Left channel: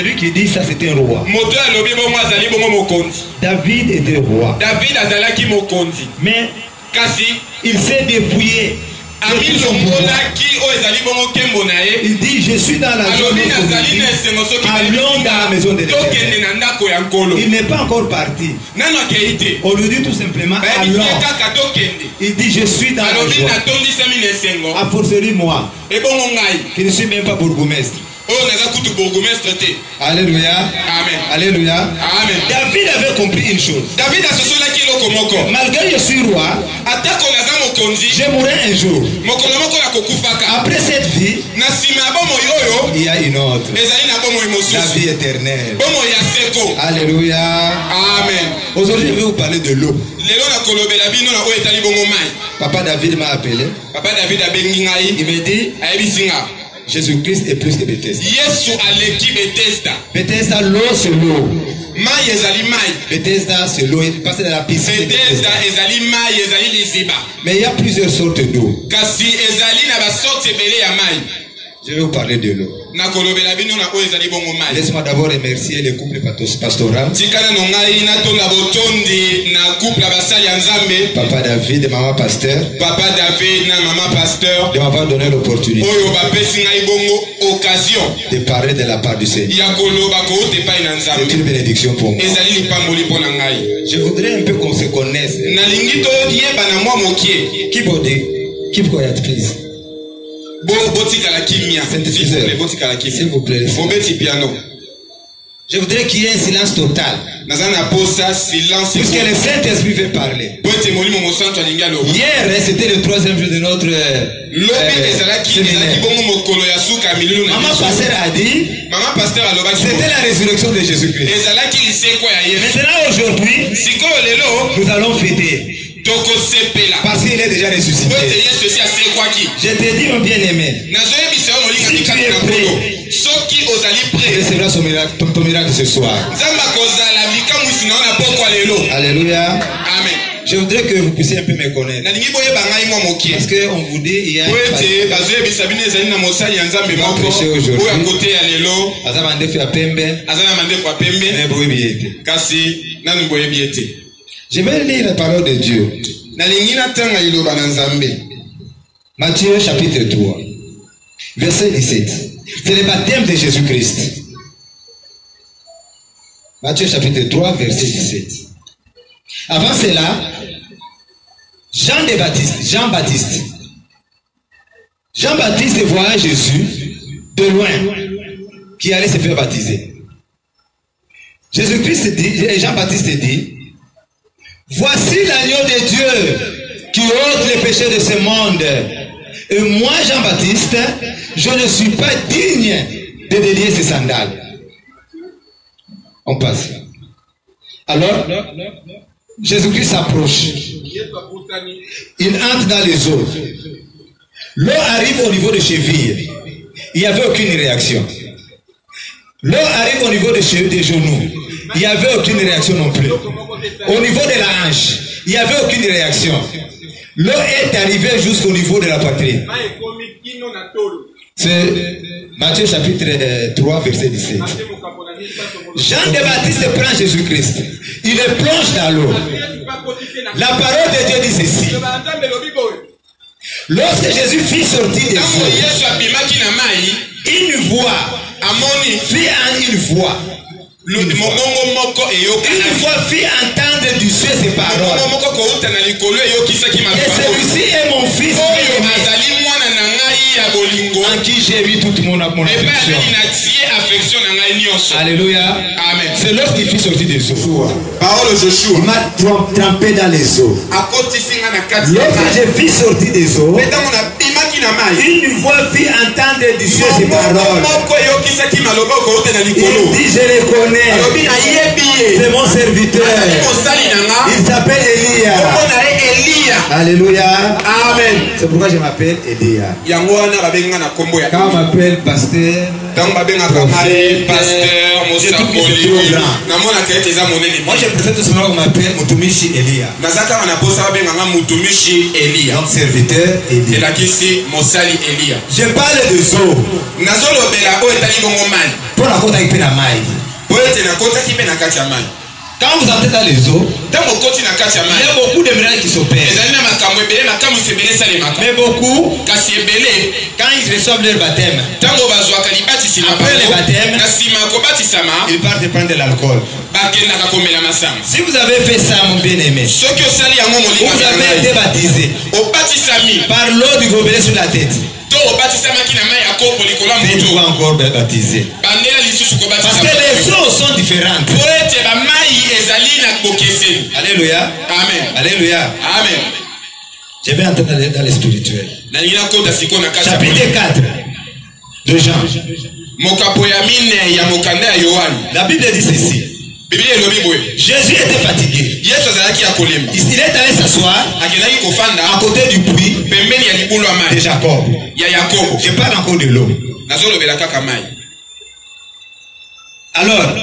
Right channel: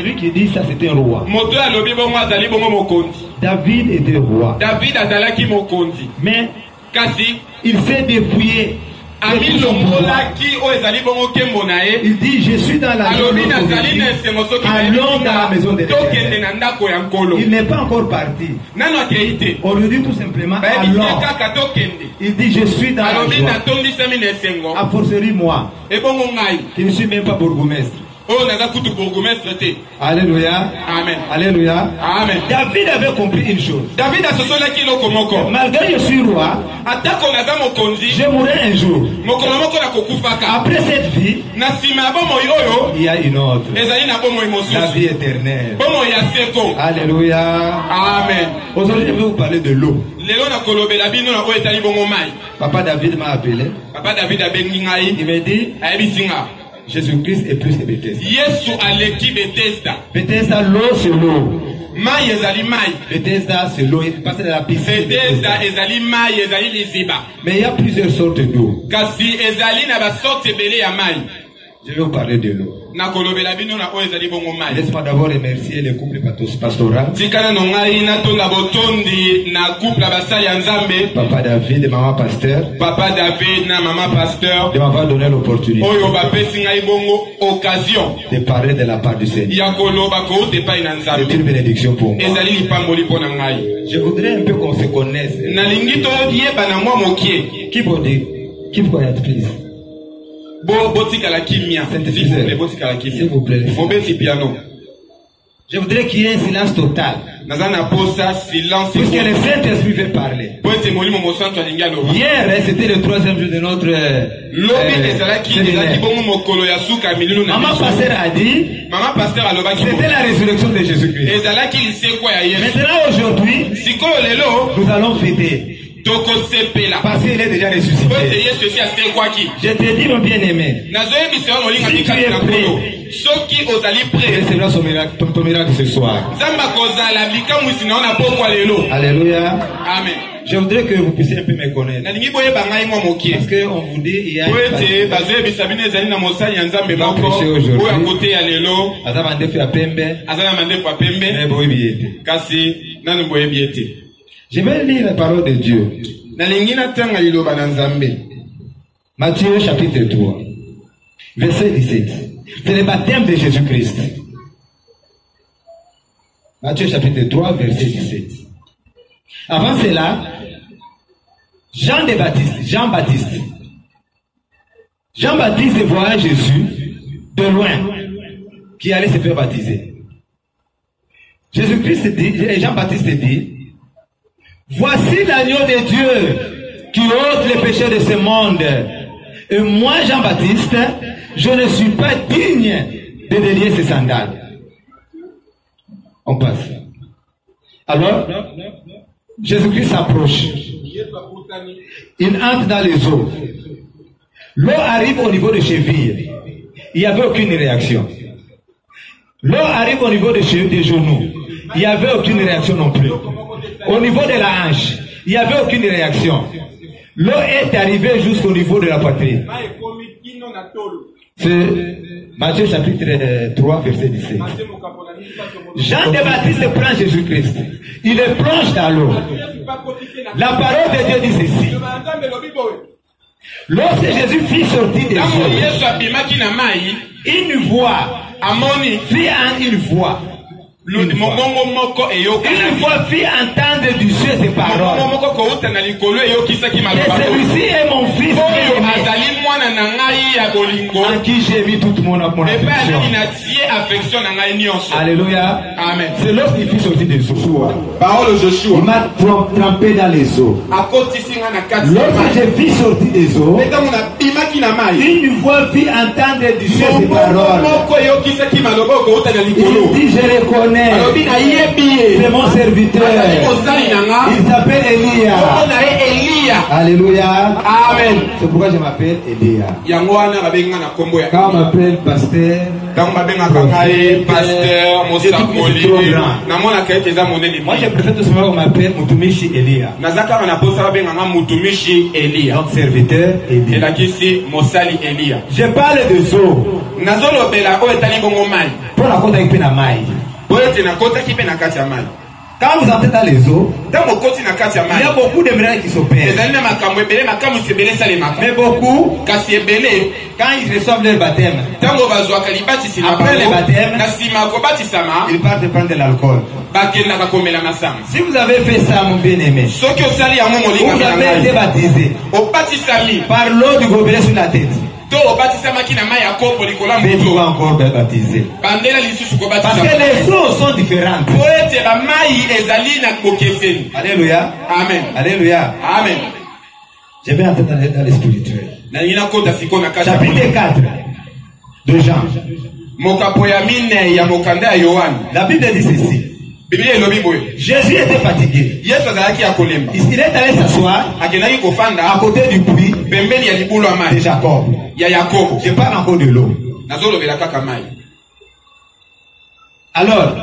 celui qui dit ça c'était un roi. David était roi. Mais il s'est dépouillé. Il dit je suis dans la maison allons dans la maison de l'Éternel. Il n'est pas encore parti. On lui dit tout simplement allons. Il dit je suis dans la joie. A fortiori moi qui ne suis même pas bourgmestre. Alléluia. Amen. Alléluia. Amen. David avait compris une chose. Malgré que je suis roi, je mourrai un jour. Après cette vie, il y a une autre. La vie éternelle. Alléluia. Amen. Aujourd'hui, je vais vous parler de l'eau. Papa David m'a appelé. Il m'a dit Jésus-Christ est plus que Bethesda. Bethesda, l'eau c'est l'eau. Bethesda c'est l'eau. Il passe dans la piscine. Mais il y a plusieurs sortes d'eau. Je vais vous parler de l'eau. Laisse-moi d'abord remercier le couple pastoral. Papa David et maman pasteur. De m'avoir donné l'opportunité de parler de la part du Seigneur. C'est une bénédiction pour moi. Je voudrais un peu qu'on se connaisse. Qui peut dire? Qui peut dire, please? S'il vous plaît. Je voudrais qu'il y ait un silence total. Puisque le Saint-Esprit veut parler. Hier, c'était le 3e jour de notre séminaire. Maman pasteur a dit c'était la résurrection de Jésus-Christ. Maintenant, aujourd'hui, nous allons fêter. Parce qu'il est déjà ressuscité. Je te dis, mon bien-aimé, si tu es prêt, recevras ton miracle ce soir. Alléluia. Amen. Je voudrais que vous puissiez un peu me connaître. Parce qu'on vous dit, il y a un prêché aujourd'hui. Je vais lire la parole de Dieu. Matthieu chapitre 3, verset 17. C'est le baptême de Jésus-Christ. Matthieu chapitre 3, verset 17. Avant cela, Jean-Baptiste voyait Jésus de loin qui allait se faire baptiser. Jésus-Christ dit, Jean-Baptiste dit, voici l'agneau de Dieu qui ôte les péchés de ce monde. Et moi, Jean-Baptiste, je ne suis pas digne de délier ses sandales. On passe. Alors, Jésus-Christ s'approche. Il entre dans les eaux. L'eau arrive au niveau des chevilles. Il n'y avait aucune réaction. L'eau arrive au niveau des genoux. Il n'y avait aucune réaction non plus. Au niveau de la hanche, il n'y avait aucune réaction. L'eau est arrivée jusqu'au niveau de la poitrine. C'est Matthieu chapitre 3, verset 17. Jean de Baptiste prend Jésus-Christ. Il le plonge dans l'eau. La parole de Dieu dit ceci. Lorsque Jésus fit sortir des eaux, une voix, une voix fit entendre du ciel ces paroles. Et celui-ci est mon fils en qui j'ai mis toute mon affection. Alléluia. Amen. C'est lorsqu'il fit sortir des eaux. Parole de Joshua. Il m'a trempé dans les eaux. Lorsque j'ai fis sortir des eaux, une voix fit entendre du ciel ces paroles. Il dit, je les connais. C'est mon serviteur. Il s'appelle Elia. Elia. Alléluia. Amen. C'est pourquoi je m'appelle Elia. Yango wana babenga na kombo ya. Quand on m'appelle pasteur, Tango babenga kamae, pasteur, mosakoli. Na mona kaete za monene. moi je préfère tout simplement qu'on m'appelle Mutumishi Elia. Nazaka wana posa babenga nga mutumishi Elia. Donc serviteur Elia. Elakisi mosali Elia. Je parle de eau. Nazolobela o etali bongo mai. Pour la côte avec la maille. O ete na kota kipe na kati ya mai. Quand vous entrez dans les eaux, Tango koti na kati ya mai. il y a beaucoup de miracles qui s'opèrent. Ezali na makambo ebele makambo sebele salemaka. Mais beaucoup, Kasi ebele quand ils reçoivent leur baptême, tango bazwaka libatisi na après le bango. baptême, Na sima kobatisama ils partent prendre de l'alcool. bakendaka komela masanga. Si vous avez fait ça, mon bien-aimé, Soki osali yango molinga vous na avez été ngai. baptisé Obatisami par l'eau du gobelet sur la tête. to obatisamaki na mai ya kopo likolo ya Faites-vous moto. encore baptiser. Bandela lisusu Parce que kobatisama. les eaux sont différentes. Po ete bamai ezali na bokeseni. Alléluia. Amen. Alléluia. Amen. Je vais entrer dans les spirituels. Nalingi nakota sikoyo na kati ya Chapitre Poli. 4 de Jean. Mokapo ya mine ya mokanda ya Yohani. La Bible dit ceci. Biblia elobi boye. Jésus était fatigué. Yesu azalaki ya kolemba. Il est allé s'asseoir Akendaki à kofanda côté du puits pembeni ya libulu ya de mai Jacob. ya Yakobo. Je parle encore de l'eau. Nazolobela kaka mai. Alors,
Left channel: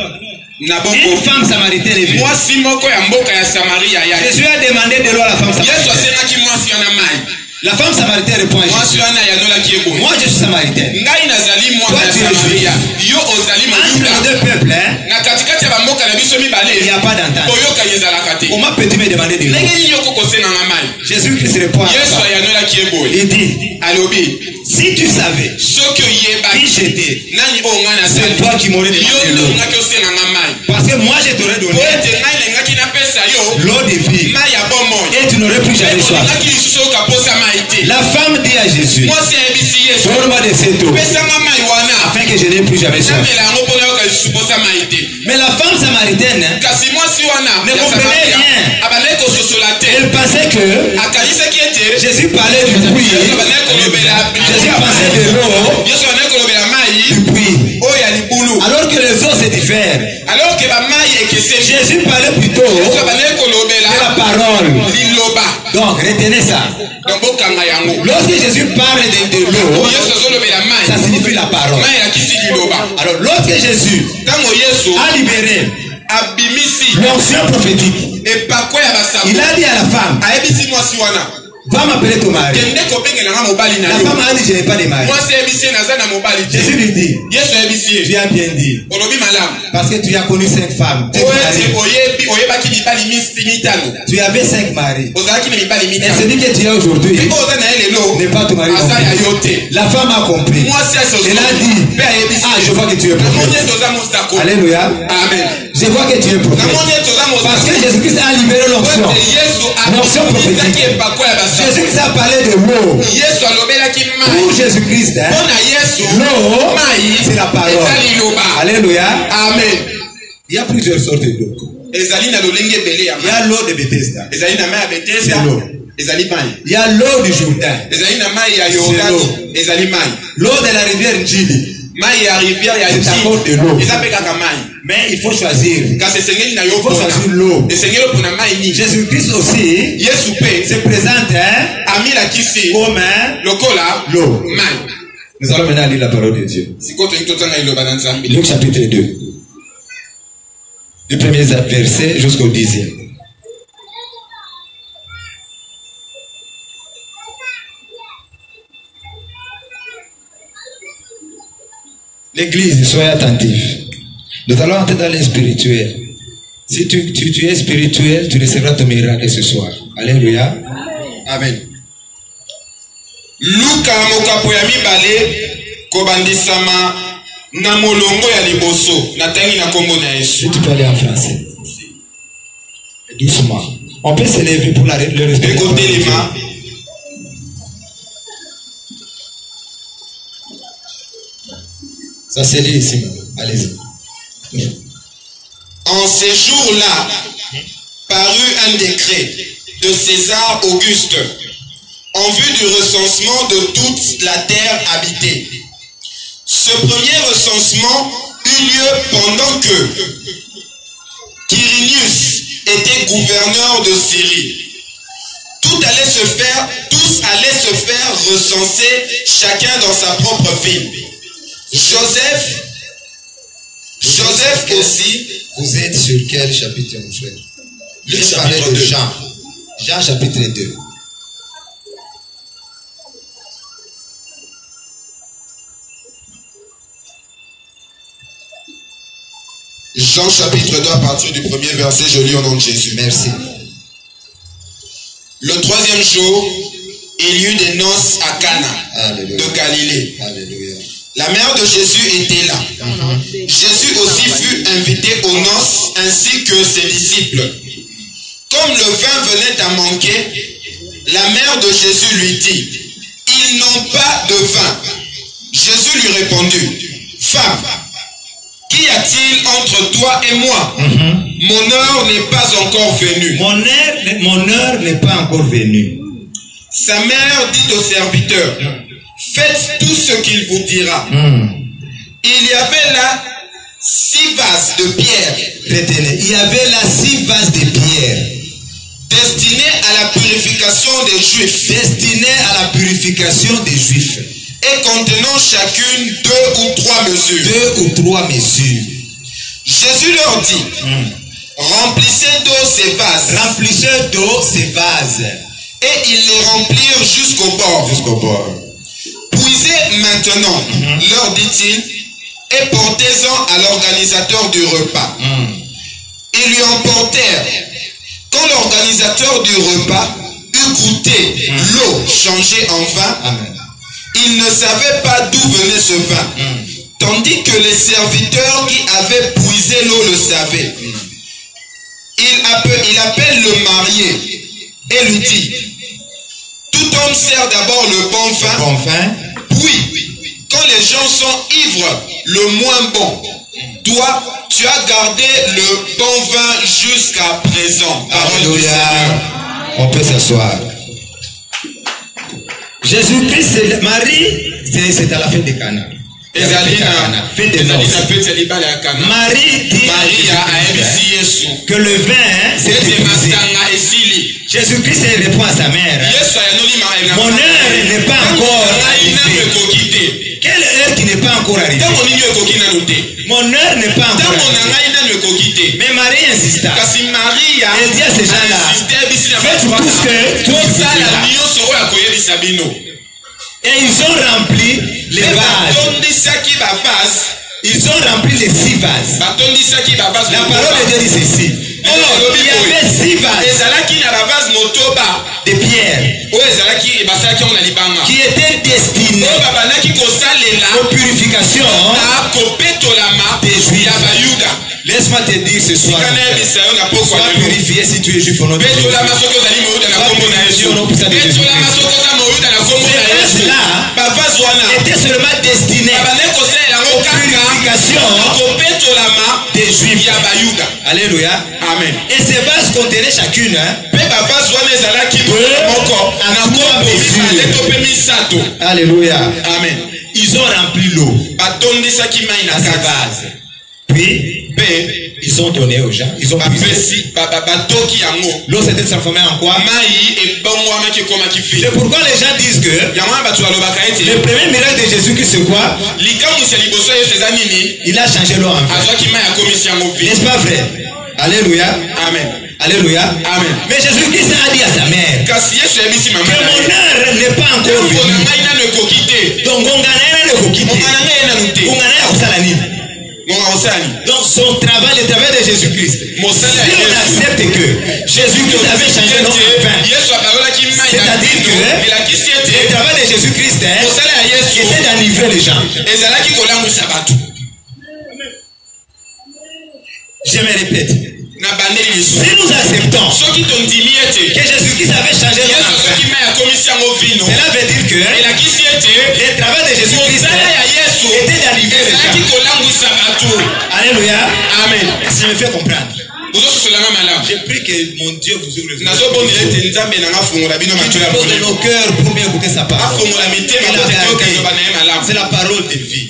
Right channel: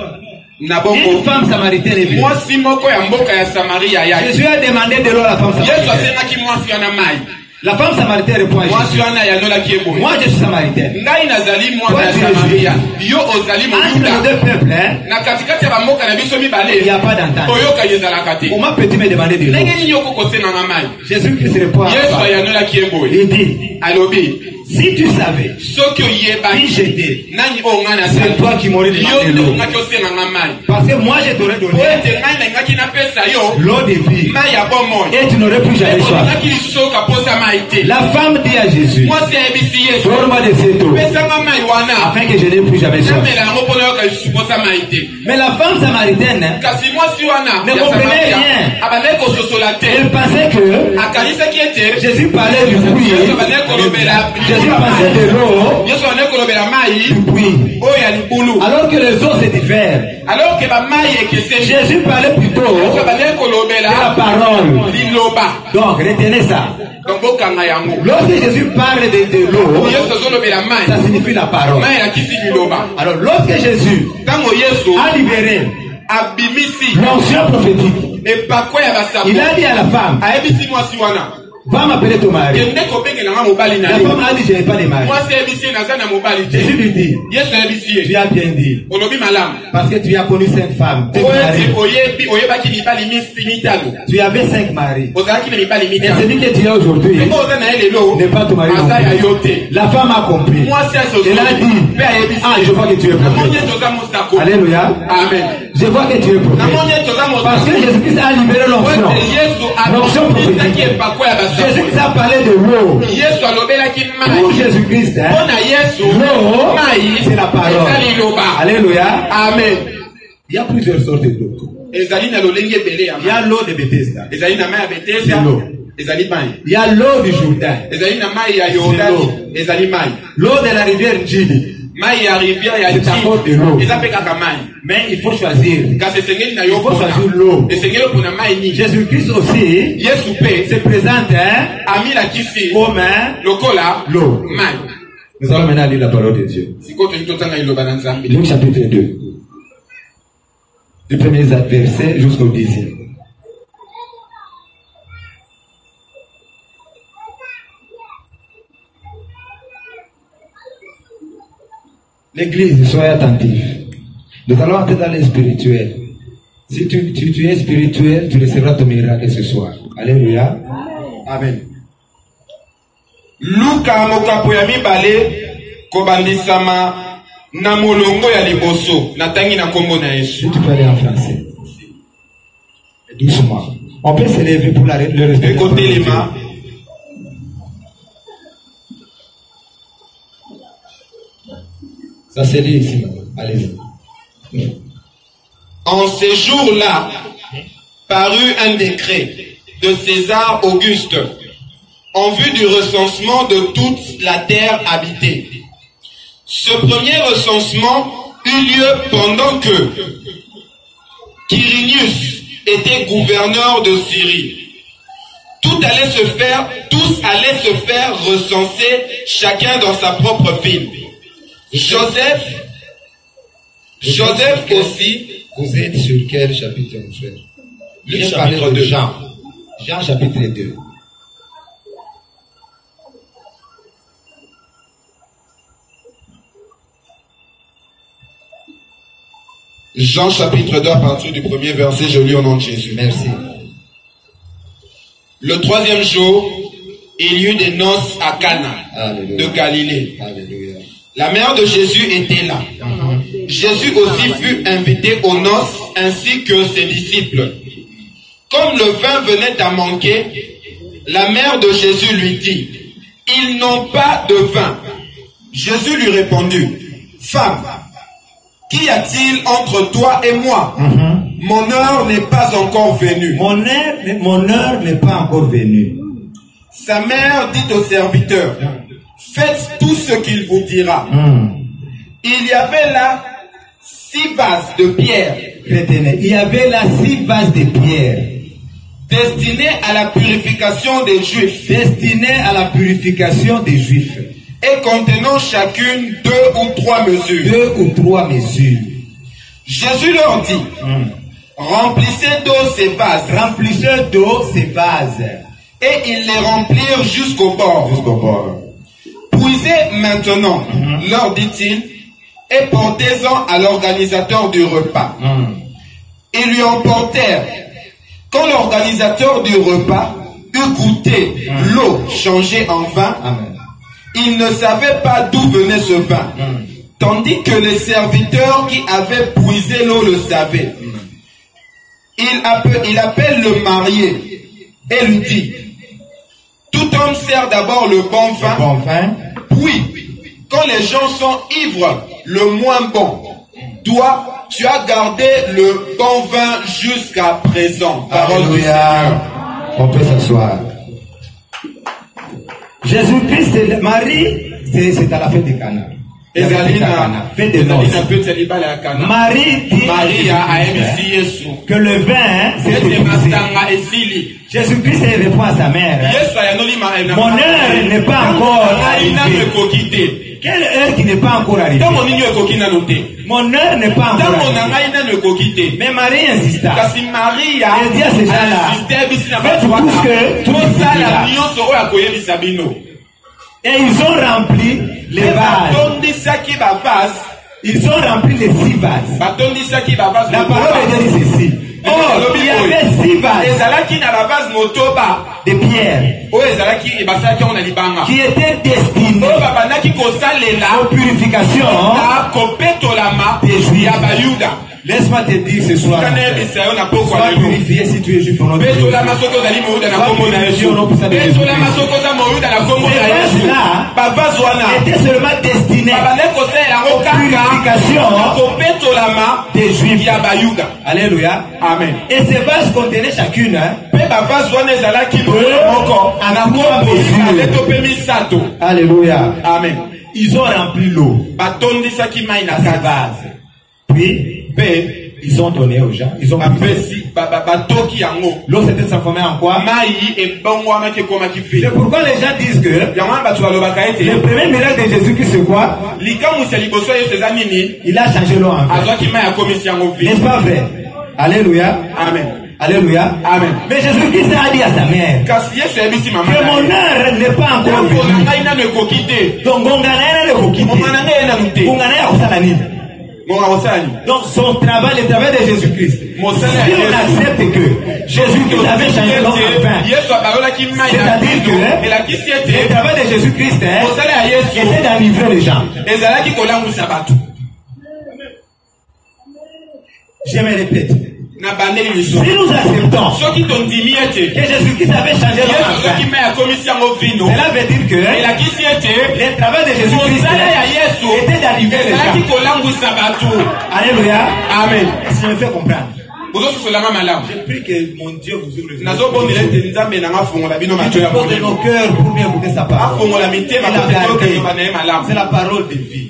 Na une bongo femme samaritaine est venue. mwasi moko ya mboka ya Samaria ya. Jésus a demandé de l'eau à la femme Yesu samaritaine. asengaki mwasi wana mai. La femme samaritaine répond à Mwasi Jésus. wana yanolaki eboye. Moi, je suis samaritaine. Ngai nazali mwana ya Toi, tu es Samaria. juif. Yo ozali Entre nos moyuda. deux peuples, hein, Na katikati ya bamboka na biso il n'y mibale. a pas d'entente. Oyoka ezalaka te. Comment peux-tu me demander de l'eau? Ndenge nini okokosenganga mai? Jésus-Christ répond à Yesu la femme. ayanolaki eboye. Il dit, Alobi, si tu savais soki qui oyebaki j'étais, nani oyo ngai c'est nasali. toi qui m'aurais Yo demandé nde l'eau. ongaki osenganga mai. Parce que moi, je t'aurais Po donné ete ngai nalingaki napesa yo l'eau de vie mai ya bomoi. et tu n'aurais plus jamais soif. olingaki lisusu okaposa mai te. La femme dit à Jésus, Mwasi ayebisi Yesu, donne-moi de cette eau pesanga mai wana afin que je n'ai plus jamais soif. namela yango mpona yoka lisusu posa mai te. Mais la femme samaritaine, hein, Kasi mwasi wana Ne ya comprenez Samaria rien. abandaki kososola te. elle pensait que akanisaki ete Jésus parlait du puits. Yesu abandaki kolobela Jésus pensait de l'eau Yesu abandaki kolobela mai du puits. oyo ya libulu. Alors que les eaux se diffèrent. Alors ke bamai ekeseni. Jésus parlait plutôt Yesu abandaki de kolobela la parole. liloba. Donc, retenez ça. Donc bokanga yango. Lorsque Jésus parle de l'eau, Yesu azolobela ça mai signifie la parole. mai elakisi liloba. Alors, lorsque Jésus Ntango Yesu a libéré abimisi l'onction prophétique, epako ya basango il a dit à la femme, ayebisi mwasi wana va m'appeler ton mari. kende kobengelanga mobali na La yo. femme a dit, je n'ai pas de mari. Mwasi ayebisi ye naza na mobali te. Jésus lui dit, Yesu ayebisi tu ye as bien dit, olobi malamu. parce que tu as connu 5 femmes. Po ete oyebaki mibali mitano Tu avais 5 maris. ozalaki na mibali Et mitano. celui que tu as aujourd'hui Oyo oza na ye lelo n'est pas ton mari. non aza ya plus. yo te. La femme a compris. Mwasi Elle a dit, mpe ayebisi ah, je vois que tu es namoni prophète. ete oza mosako. Alléluia. Amen. Je vois que tu es prophète. namoni ete oza Parce que mosako. Jésus-Christ a libéré Po l'onction. ete Yesu L'onction akomisaki prophétique. epako ya basango. Jésus-Christ a parlé de l'eau. Yesu alobelaki Pour mai Jésus-Christ, hein, mpona Yesu l'eau, mai c'est la parole. eza liloba. Alléluia. Amen. Il y a plusieurs sortes d'eau. ezali na lolenge ebele ya Il y a l'eau de Bethesda. ezali na mai ya betesda C'est l'eau. ezali mai. Il y a l'eau du Jourdain. ezali na mai ya C'est Yordani l'eau. ezali mai. L'eau de la rivière Njili. mai ya rivière ya C'est encore de l'eau. Nili eza mpe kaka mai. Mais il faut choisir. kasi esengeli na Il yo faut choisir l'eau. esengeli opona mai nini. Jésus-Christ aussi Yesu mpe se présente hein, amilakisi comme hein, lokola l'eau. mai. Nous allons maintenant lire la parole de Dieu. sikoyo tolingi totanga liloba na Nzambe. Luc chapitre 2. Du premier verset jusqu'au 10e. L'église, soyez attentifs. Nous allons entrer dans les spirituels. Si tu es spirituel, tu recevras ton miracle ce soir. Alléluia. Amen. Luka mokapo ya mibale kobandisama na molongo ya liboso natangi na kombo na Yesu. Si tu peux aller en français. Doucement. On peut se lever pour le respect. Écoutez les mains. Ça c'est lié ici. Allez-y. En ces jours-là, parut un décret de César Auguste en vue du recensement de toute la terre habitée. Ce premier recensement eut lieu pendant que Quirinius était gouverneur de Syrie. Toutes tous allaient se faire recenser, chacun dans sa propre ville. Joseph aussi. Vous êtes sur quel chapitre, mon frère? Le chapitre 2. Jean chapitre 2. Jean chapitre 2 à partir du premier verset, je lis au nom de Jésus. Merci. Le 3e jour, il y eut des noces à Cana Alléluia. de Galilée. Alléluia. La mère de Jésus était là. Jésus aussi fut invité aux noces ainsi que ses disciples. Comme le vin venait à manquer, la mère de Jésus lui dit, ils n'ont pas de vin. Jésus lui répondit, femme, qu'y a-t-il entre toi et moi? Mon heure n'est pas encore venue. Mon heure n'est pas encore venue. Sa mère dit aux serviteurs, faites tout ce qu'il vous dira. Il y avait là 6 vases de pierre. Retenez, il y avait là 6 vases de pierre destinés à la purification des Juifs. Destinés à la purification des Juifs. Et contenant chacune 2 ou 3 mesures. 2 ou 3 mesures. Jésus leur dit, remplissez d'eau ces vases. Remplissez d'eau ces vases. Et ils les remplirent jusqu'au bord. Jusqu'au bord. Puisez maintenant, leur dit-il, et portez-en à l'organisateur du repas. Ils lui emportèrent. Quand l'organisateur du repas eut goûté l'eau changée en vin, il ne savait pas d'où venait ce vin, tandis que les serviteurs qui avaient puisé l'eau le savaient. Il appelle le marié et lui dit, tout homme sert d'abord le bon vin, puis quand les gens sont ivres, le moins bon. Toi, tu as gardé le bon vin jusqu'à présent. Alléluia. On peut s'asseoir. Jésus-Christ, Marie, c'est à la fête de Cana. Fête de noces. Marie dit que le vin, c'est épuisé. Jésus-Christ répond à sa mère, mon heure n'est pas encore arrivée. Quelle heure qui n'est pas encore arrivée? Mon heure n'est pas encore arrivée. Mais Marie insista. Elle dit à ces gens-là, faites tout ce que tout vous dira. Et ils ont rempli les vases. Ils ont rempli les 6 vases. La parole de Dieu dit ceci. Oh, il y avait 6 vases de pierre qui étaient destinés aux purifications des Juifs. Laisse-moi te dire ce soir, sois purifié si tu es juif au nom de Jésus. Sois purifié au nom puissant de Jésus. Ces vases-là étaient seulement destinés aux purifications des Juifs. Alléluia. Amen. Et ces vases contenaient chacune Alléluia. Amen. Ils ont rempli l'eau à ces vases. Puis ils ont donné aux gens. Ils ont puisé. L'eau s'était transformée en quoi? C'est pourquoi les gens disent que le premier miracle de Jésus, c'est quoi? Il a changé l'eau en vin. N'est-ce pas vrai? Alléluia. Amen. Alléluia. Amen. Mais Jésus-Christ a dit à sa mère que mon heure n'est pas encore venue. Donc, donc son travail, le travail de Jésus-Christ. Si on accepte que Jésus-Christ avait changé l'eau en vin, c'est-à-dire que le travail de Jésus-Christ était d'enivrer les gens. Je me répète. Si nous acceptons que Jésus-Christ avait changé l'eau en vin, cela veut dire que le travail de Jésus-Christ était d'enivrer les gens. Alléluia. Amen. Si je me fais comprendre. Je prie que mon Dieu vous ouvre les yeux. Qu'il pose de nos cœurs pour bien écouter sa parole. C'est la parole de vie.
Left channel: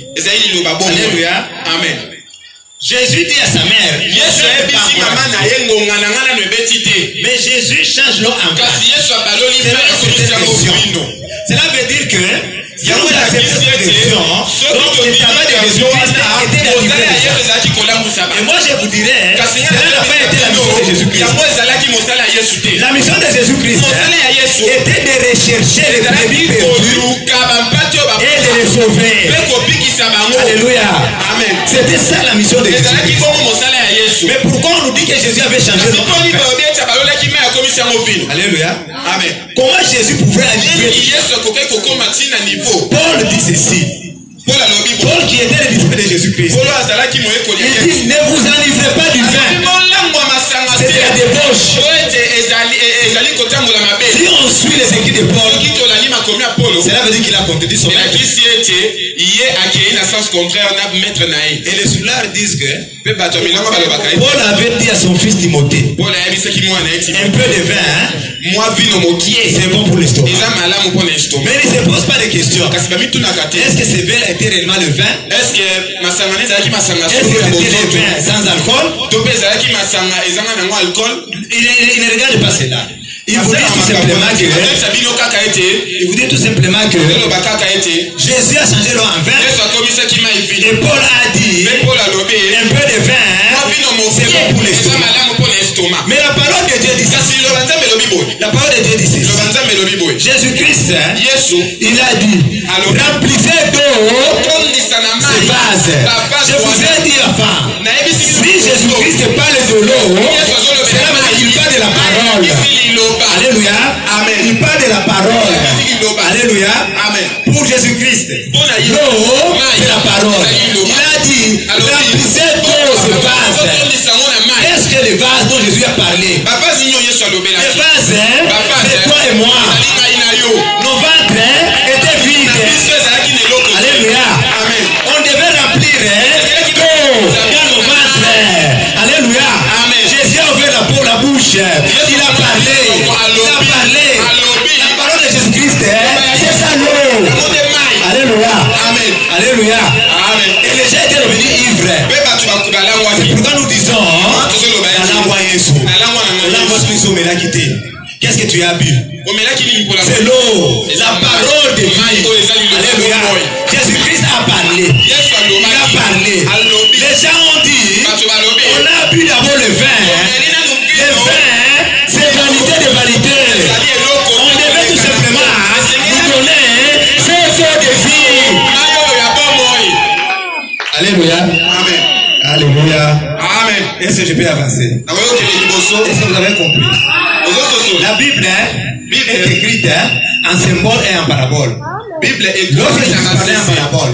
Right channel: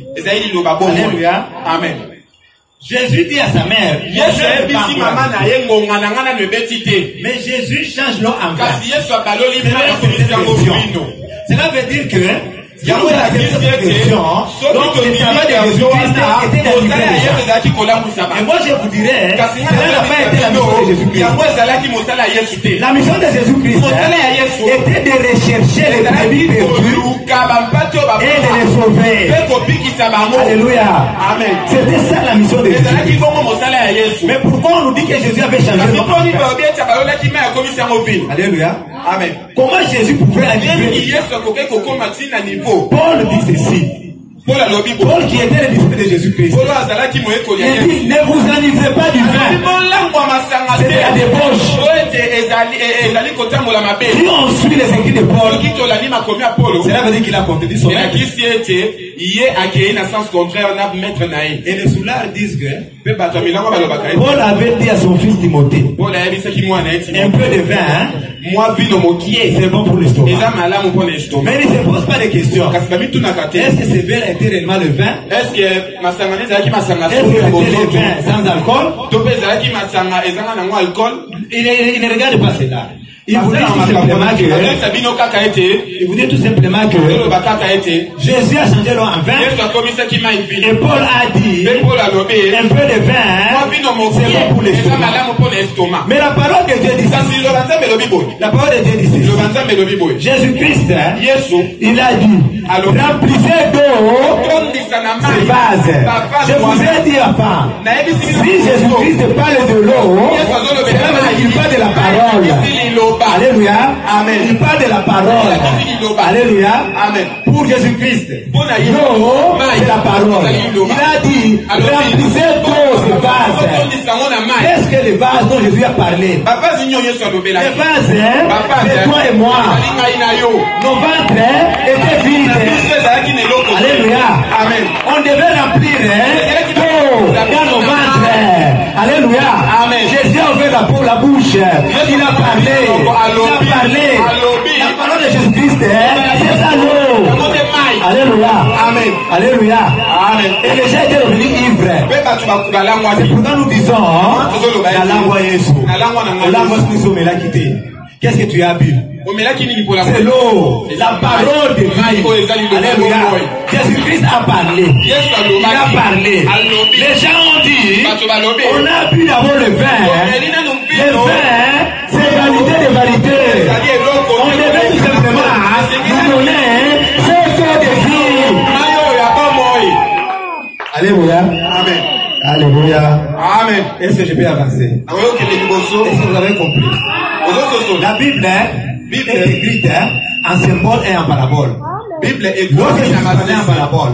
Alléluia. Amen. Jésus dit à sa mère, mais Jésus change l'eau en vin. Cela veut dire que si vous acceptez cette version, donc le travail de Jésus-Christ était délivré. Et moi je vous dirais, cela n'a pas été la mission de Jésus-Christ. La mission de Jésus-Christ était de rechercher les brebis perdus et de les sauver. Alléluia. Amen. C'était ça la mission de Jésus-Christ. Mais pourquoi on nous dit que Jésus avait changé son nom? Alléluia. Amen. Comment Jésus pouvait agir? Paul dit ceci. Paul qui était le disciple de Jésus-Christ. Il dit, ne vous enivrez pas du vin. C'est de la débauche. Si on suit les écrits de Paul, cela veut dire qu'il a contredit son maître. Et les soulars disent que Paul avait dit à son fils Timothée, un peu de vin, hein? C'est bon pour l'estomac. Mais il ne se pose pas de questions. Est-ce que ce vin était réellement le vin? Est-ce que c'était le vin sans alcool? Il ne regarde pas cela. Il vous dit tout simplement que Jésus a changé l'eau en vin. Et Paul a dit un peu de vin, c'est bon pour l'estomac. Mais la parole de Dieu dit ça. La parole de Dieu dit ça. Jésus-Christ, il a dit, remplissez d'eau ces vases. Je vous ai dit avant, si Jésus-Christ parle de l'eau, cela veut dire qu'il parle de la parole. Alléluia. Amen. Il parle de la parole. Alléluia. Amen. Pour Jésus-Christ, l'eau, c'est la parole. Il a dit, remplissez d'eau ces vases. Qu'est-ce que les vases dont Jésus a parlé? Les vases, c'est toi et moi. Nos ventres étaient vides. Alléluia. Amen. On devait remplir d'eau dans nos ventres. Alléluia. Amen. Jésus a ouvert la bouche. Il a parlé. La parole de Jésus-Christ, c'est ça l'eau. Alléluia. Amen. Alléluia. Amen. Et les gens étaient devenus ivres. C'est pourquoi nous disons, qu'est-ce que tu as bu? C'est l'eau, la parole de vie. Alléluia. Jésus-Christ a parlé. Il a parlé. Les gens ont dit, on a bu d'abord le vin. Le vin, c'est validé de validé. On devait tout simplement nous donner cette eau de vie. Alléluia. Amen. Alléluia. Amen. Est-ce que je peux avancer? Est-ce que vous avez compris? La Bible est écrite en symbole et en parabole. Lorsque je parlais en parabole,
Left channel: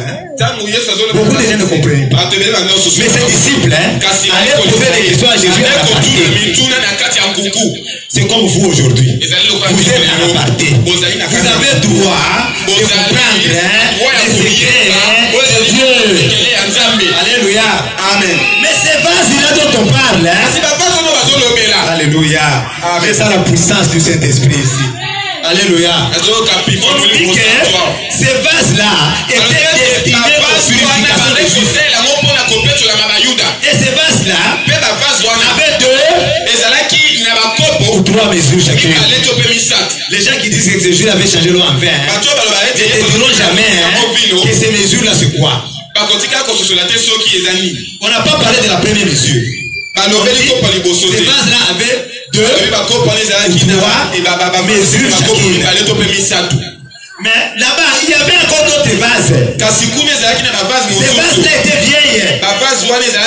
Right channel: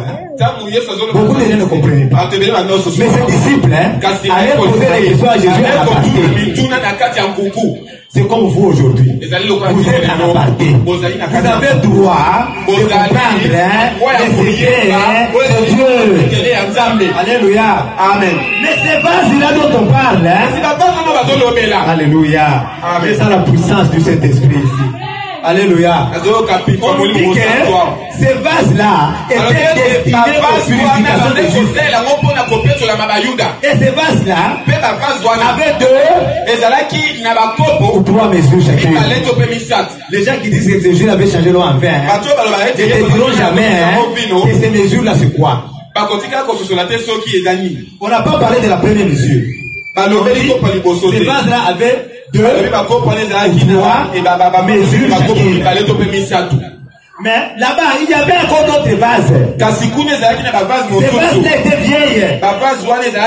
beaucoup de gens ne comprenaient pas. Mais ces disciples allaient poser des questions à Jésus en aparté. C'est comme vous aujourd'hui. Vous êtes en aparté. Vous avez droit de comprendre les secrets de Dieu. Alléluia. Amen. Mais ces vases-là dont on parle, alléluia. C'est ça la puissance du Saint-Esprit ici. Alléluia. On dit que ces vases-là étaient destinés aux purifications des Juifs. Et ces vases-là avaient 2 ou 3 mesures chacune. Les gens qui disent que Jésus avait changé l'eau en vin ne diront jamais que ces mesures-là c'est quoi. On n'a pas parlé de la première mesure. Ces vases-là avaient 2 ou 3 mesures chacune. Mais là-bas, il y avait encore d'autres vases. Ces vases-là étaient vieilles.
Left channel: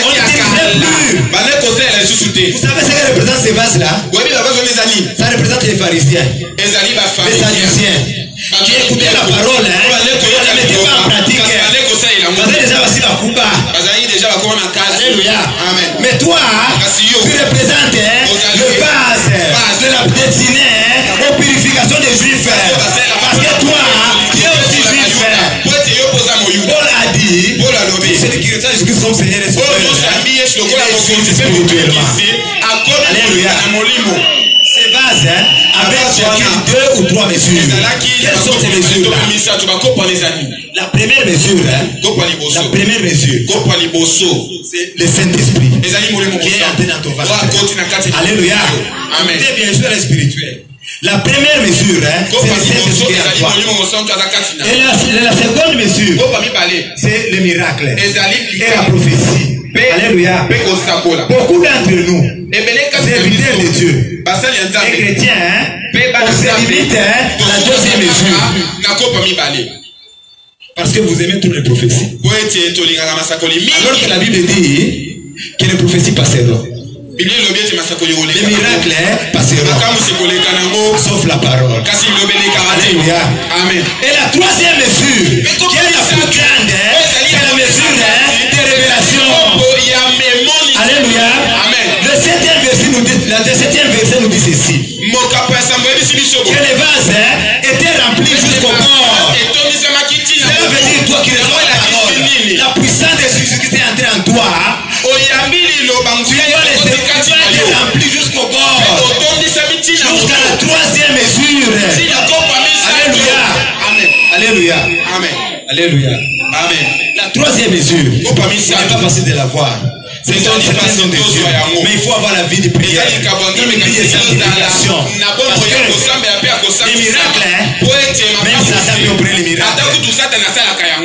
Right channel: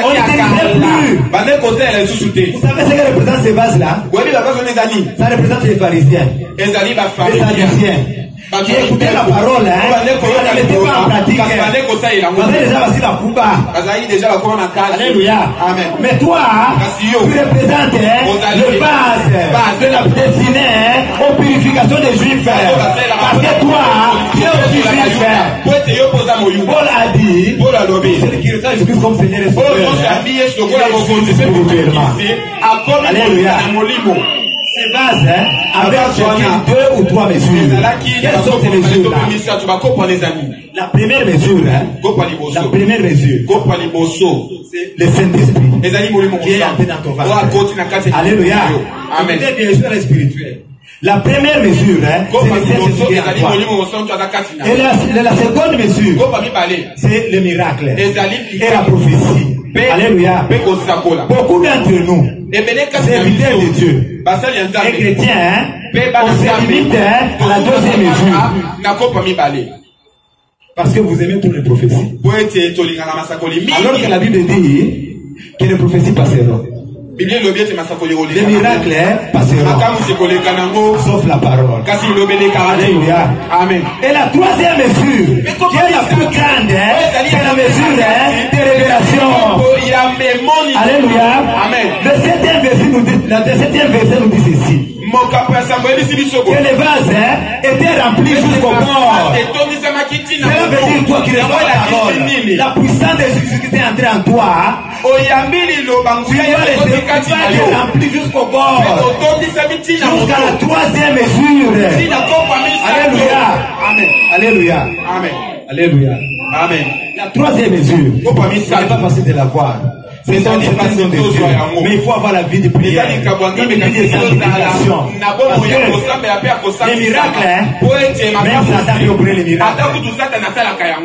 On n'utilisait plus. Vous savez ce que représentent ces vases-là? Ça représente les pharisiens, les sadduciens, qui écoutaient la parole, on ne la mettait pas en pratique. Alléluia. Mais toi, tu représentes le vase de la destinée aux purifications des Juifs. Parce que toi, tu es aussi juif. Paul a dit, celui qui retient Jésus-Christ comme Seigneur et Sauveur, il est spirituellement. Alléluia. les vases avec chacune 2 ou 3 mesures. Quelles sont ces mesures-là? La première mesure, la première mesure, c'est le Saint-Esprit qui est entré dans ton ventre. Alléluia. Amen. C'est bien sûr spirituel. La première mesure, c'est le Saint-Esprit qui est en toi. Et la seconde mesure, c'est le miracle et la prophétie. Alléluia. Beaucoup d'entre nous, serviteurs de Dieu et chrétiens, on se limite à la deuxième mesure. Parce que vous aimez toutes les prophéties. Alors que la Bible dit que les prophéties passeront. Les miracles passeront. Sauf la parole. Alléluia. Amen. Et la troisième mesure, qui est la plus grande, c'est la mesure de révélation. Alléluia. Amen. Le 7e verset nous dit ceci. Que les vases étaient remplis jusqu'au bord. Cela veut dire toi qui reçois la parole. La puissance de Jésus-Christ est entrée en toi. Tu vas être rempli jusqu'au bord. Jusqu'à la troisième mesure. Alléluia. Amen. Alléluia. Amen. Alléluia. Amen. La troisième mesure, ce n'est pas facile de la voir. C'est une façon de Dieu. Mais il faut avoir la vie de prière. Une vie de sanctification. Parce que les miracles, même Satan peut opérer les miracles.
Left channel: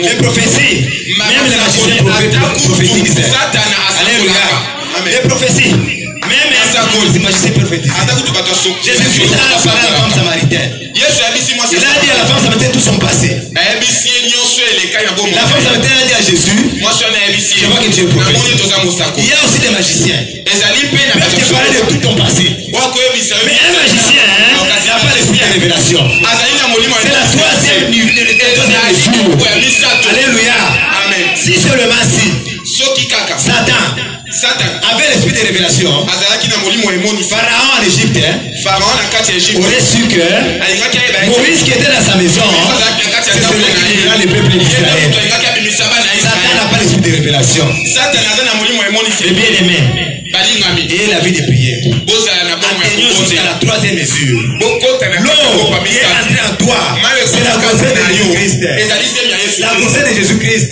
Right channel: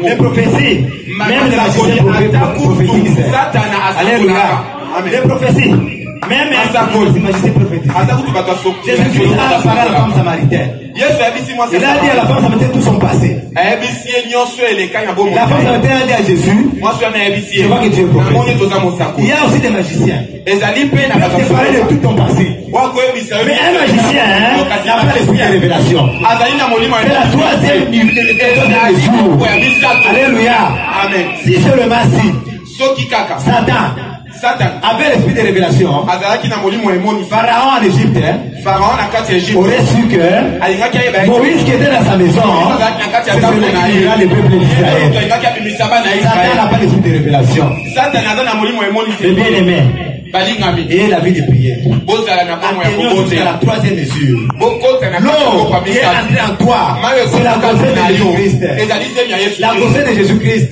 Les prophéties, même les magiciens prophétisent. Alléluia. Les prophéties, même les magiciens prophétisent. Jésus-Christ a parlé à la femme samaritaine. Il a dit à la femme samaritaine tout son passé. La femme samaritaine a dit à Jésus, je vois que tu es prophète. Il y a aussi des magiciens. Ils peuvent te parler de tout ton passé. Mais un magicien n'a pas l'esprit de révélation. C'est la troisième mesure. Alléluia. Amen. Si seulement si Satan avait l'esprit de révélation, Pharaon en Égypte aurait su que Moïse qui était dans sa maison, c'est celui qui dira le peuple d'Israël. Satan n'a pas l'esprit de révélation. C'est bien aimé. Et la vie de prière. Atteignons jusqu'à la troisième mesure. L'eau qui est entrée en toi, c'est la grossesse de Jésus-Christ. La grossesse de Jésus-Christ.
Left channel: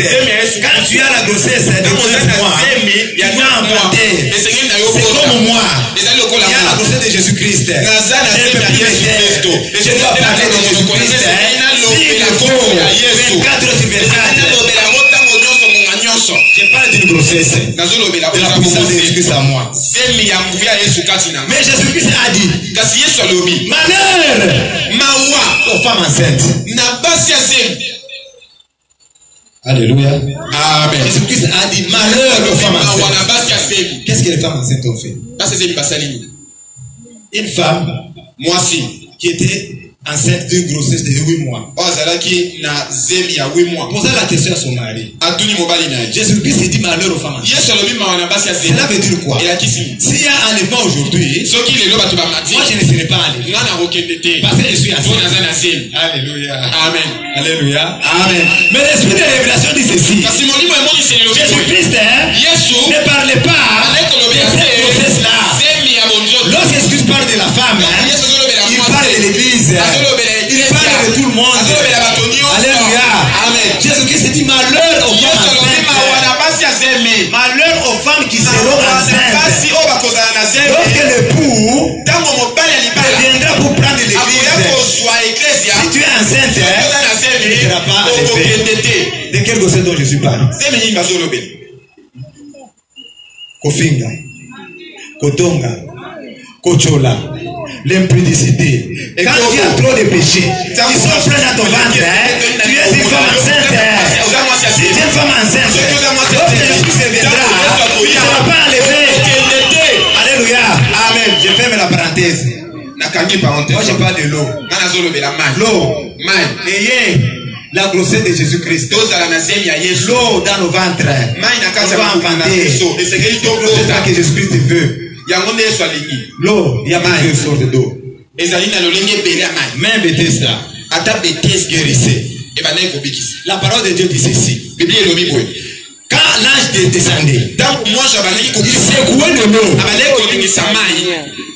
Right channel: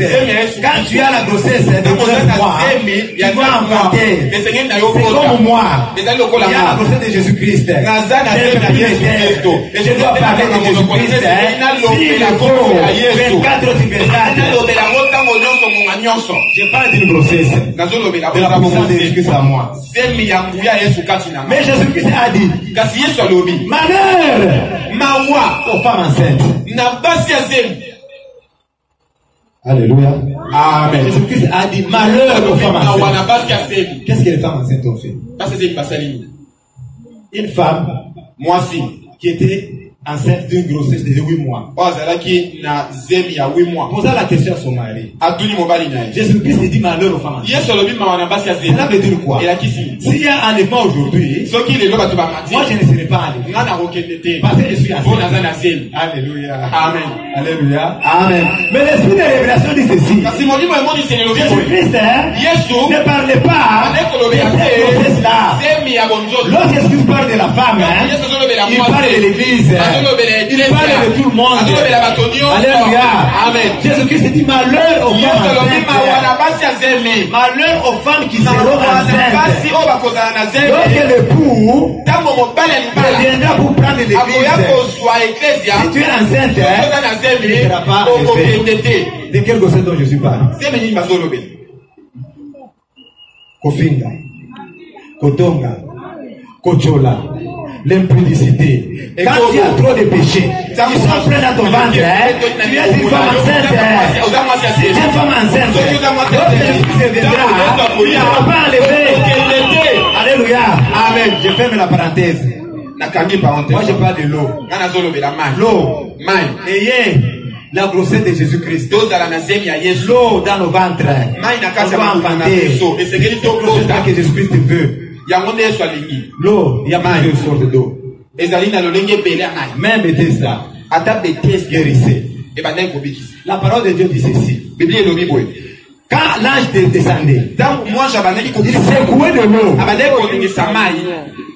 Quand tu as la grossesse de 9 mois, tu dois enfanter. C'est comme moi. Il y a la grossesse de Jésus-Christ. Je dois parler de Jésus-Christ. S'il le faut, 24 sur 24. Je parle d'une grossesse, de la puissance de Jésus-Christ à moi. Mais Jésus-Christ a dit, malheur aux femmes enceintes. Alléluia. Amen. Jésus-Christ a dit, malheur aux femmes enceintes. Qu'est-ce que les femmes enceintes ont fait? Une femme, qui était enceinte d'une grossesse de 8 mois. Posa la question à son mari. Jésus-Christ dit malheur aux femmes enceintes. Cela veut dire quoi? S'il y a un enlèvement aujourd'hui, moi je ne serai pas enlevé. Parce que je suis enceinte. Alléluia. Amen. Alléluia. Amen. Mais l'esprit de révélation dit ceci. Jésus-Christ ne parlait pas de cette grossesse-là. Lorsque Jésus parle de la femme, il parle de l'église. Il parle de tout le monde. Alléluia. Amen. Jésus-Christ dit malheur aux femmes enceintes. Malheur aux femmes qui seront enceintes. Lorsque l'époux viendra pour prendre l'église, si tu es enceinte, tu ne seras pas enlevé. De quelle grossesse dont Jésus parle? Kofinga, Kotonga, Kochola, l'impudicité. Quand tu as trop de péchés, ils sont pleins dans ton ventre, tu es une femme enceinte. Si tu es une femme enceinte, lorsque Jésus viendra, tu ne seras pas enlevé. Alléluia. Amen. Je ferme la parenthèse. Moi je parle de l'eau. L'eau. Ayez la grossesse de Jésus-Christ. L'eau dans nos ventres. On va enfanter. C'est ça que Jésus-Christ veut. L'eau, il y a plusieurs sortes d'eau. Même Bethesda, guérissez. La parole de Dieu dit ceci. Quand l'ange descendait, il secouait de l'eau.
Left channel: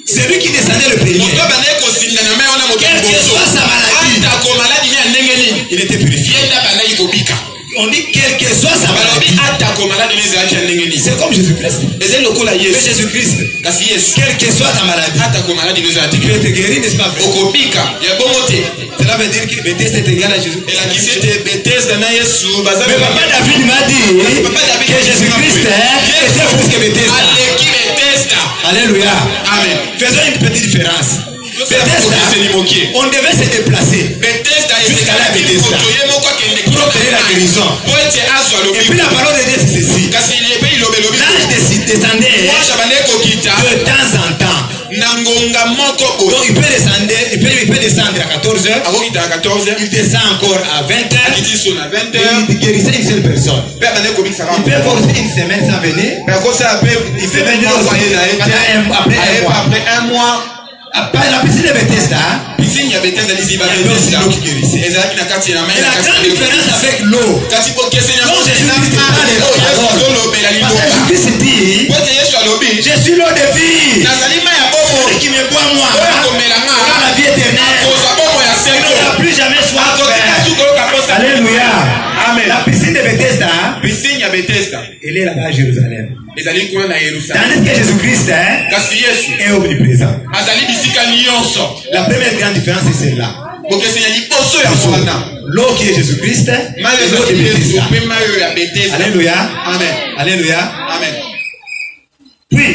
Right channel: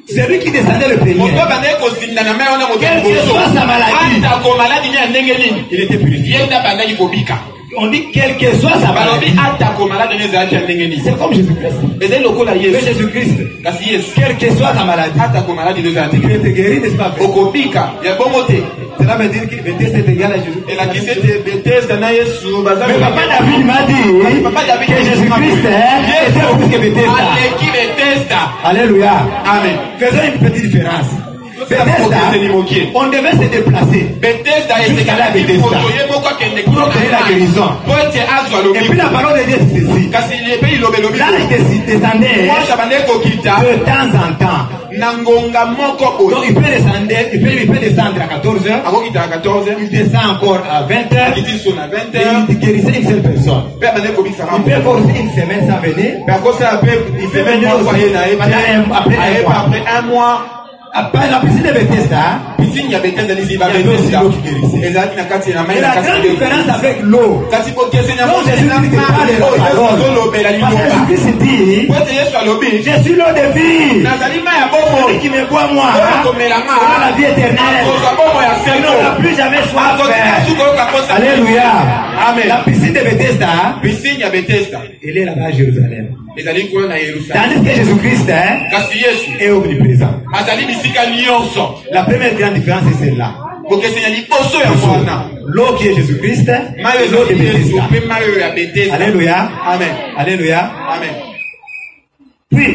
C'est lui qui descendait le premier. Quelle que soit sa maladie, il était purifié. On dit quelle que soit sa maladie. C'est comme Jésus-Christ. Mais Jésus-Christ, quelle que soit ta maladie, il peut te guérir, n'est-ce pas? Cela veut dire que Bethesda est égal à Jésus. Mais Papa David m'a dit que Jésus-Christ était plus que Bethesda. Alléluia. Amen. Faisons une petite différence. Bethesda, on devait se déplacer jusqu'à la Bethesda pour obtenir la guérison. Et puis la parole de Dieu c'est ceci. L'ange descendait de temps en temps. Donc il peut descendre à 14h. Il descend encore à 20h. Il guérissait une seule personne. Il peut forcer une semaine sans venir. Il peut venir après un mois. Après la piscine de Bethesda, il y avait aussi l'eau qui guérissait. Et la grande différence avec l'eau, quand Jésus-Christ parle de l'eau, parce que Jésus-Christ dit, je suis l'eau de vie. Celui qui me boit moi, aura la vie éternelle. Il n'aura plus jamais soif. Alléluia. Amen. La piscine de Bethesda, elle est là-bas à Jérusalem. Tandis que Jésus-Christ est omniprésent. La première grande différence c'est celle-là. L'eau qui est Jésus-Christ et l'eau de Bethesda. Alléluia. Amen. Alléluia. Amen. Puis,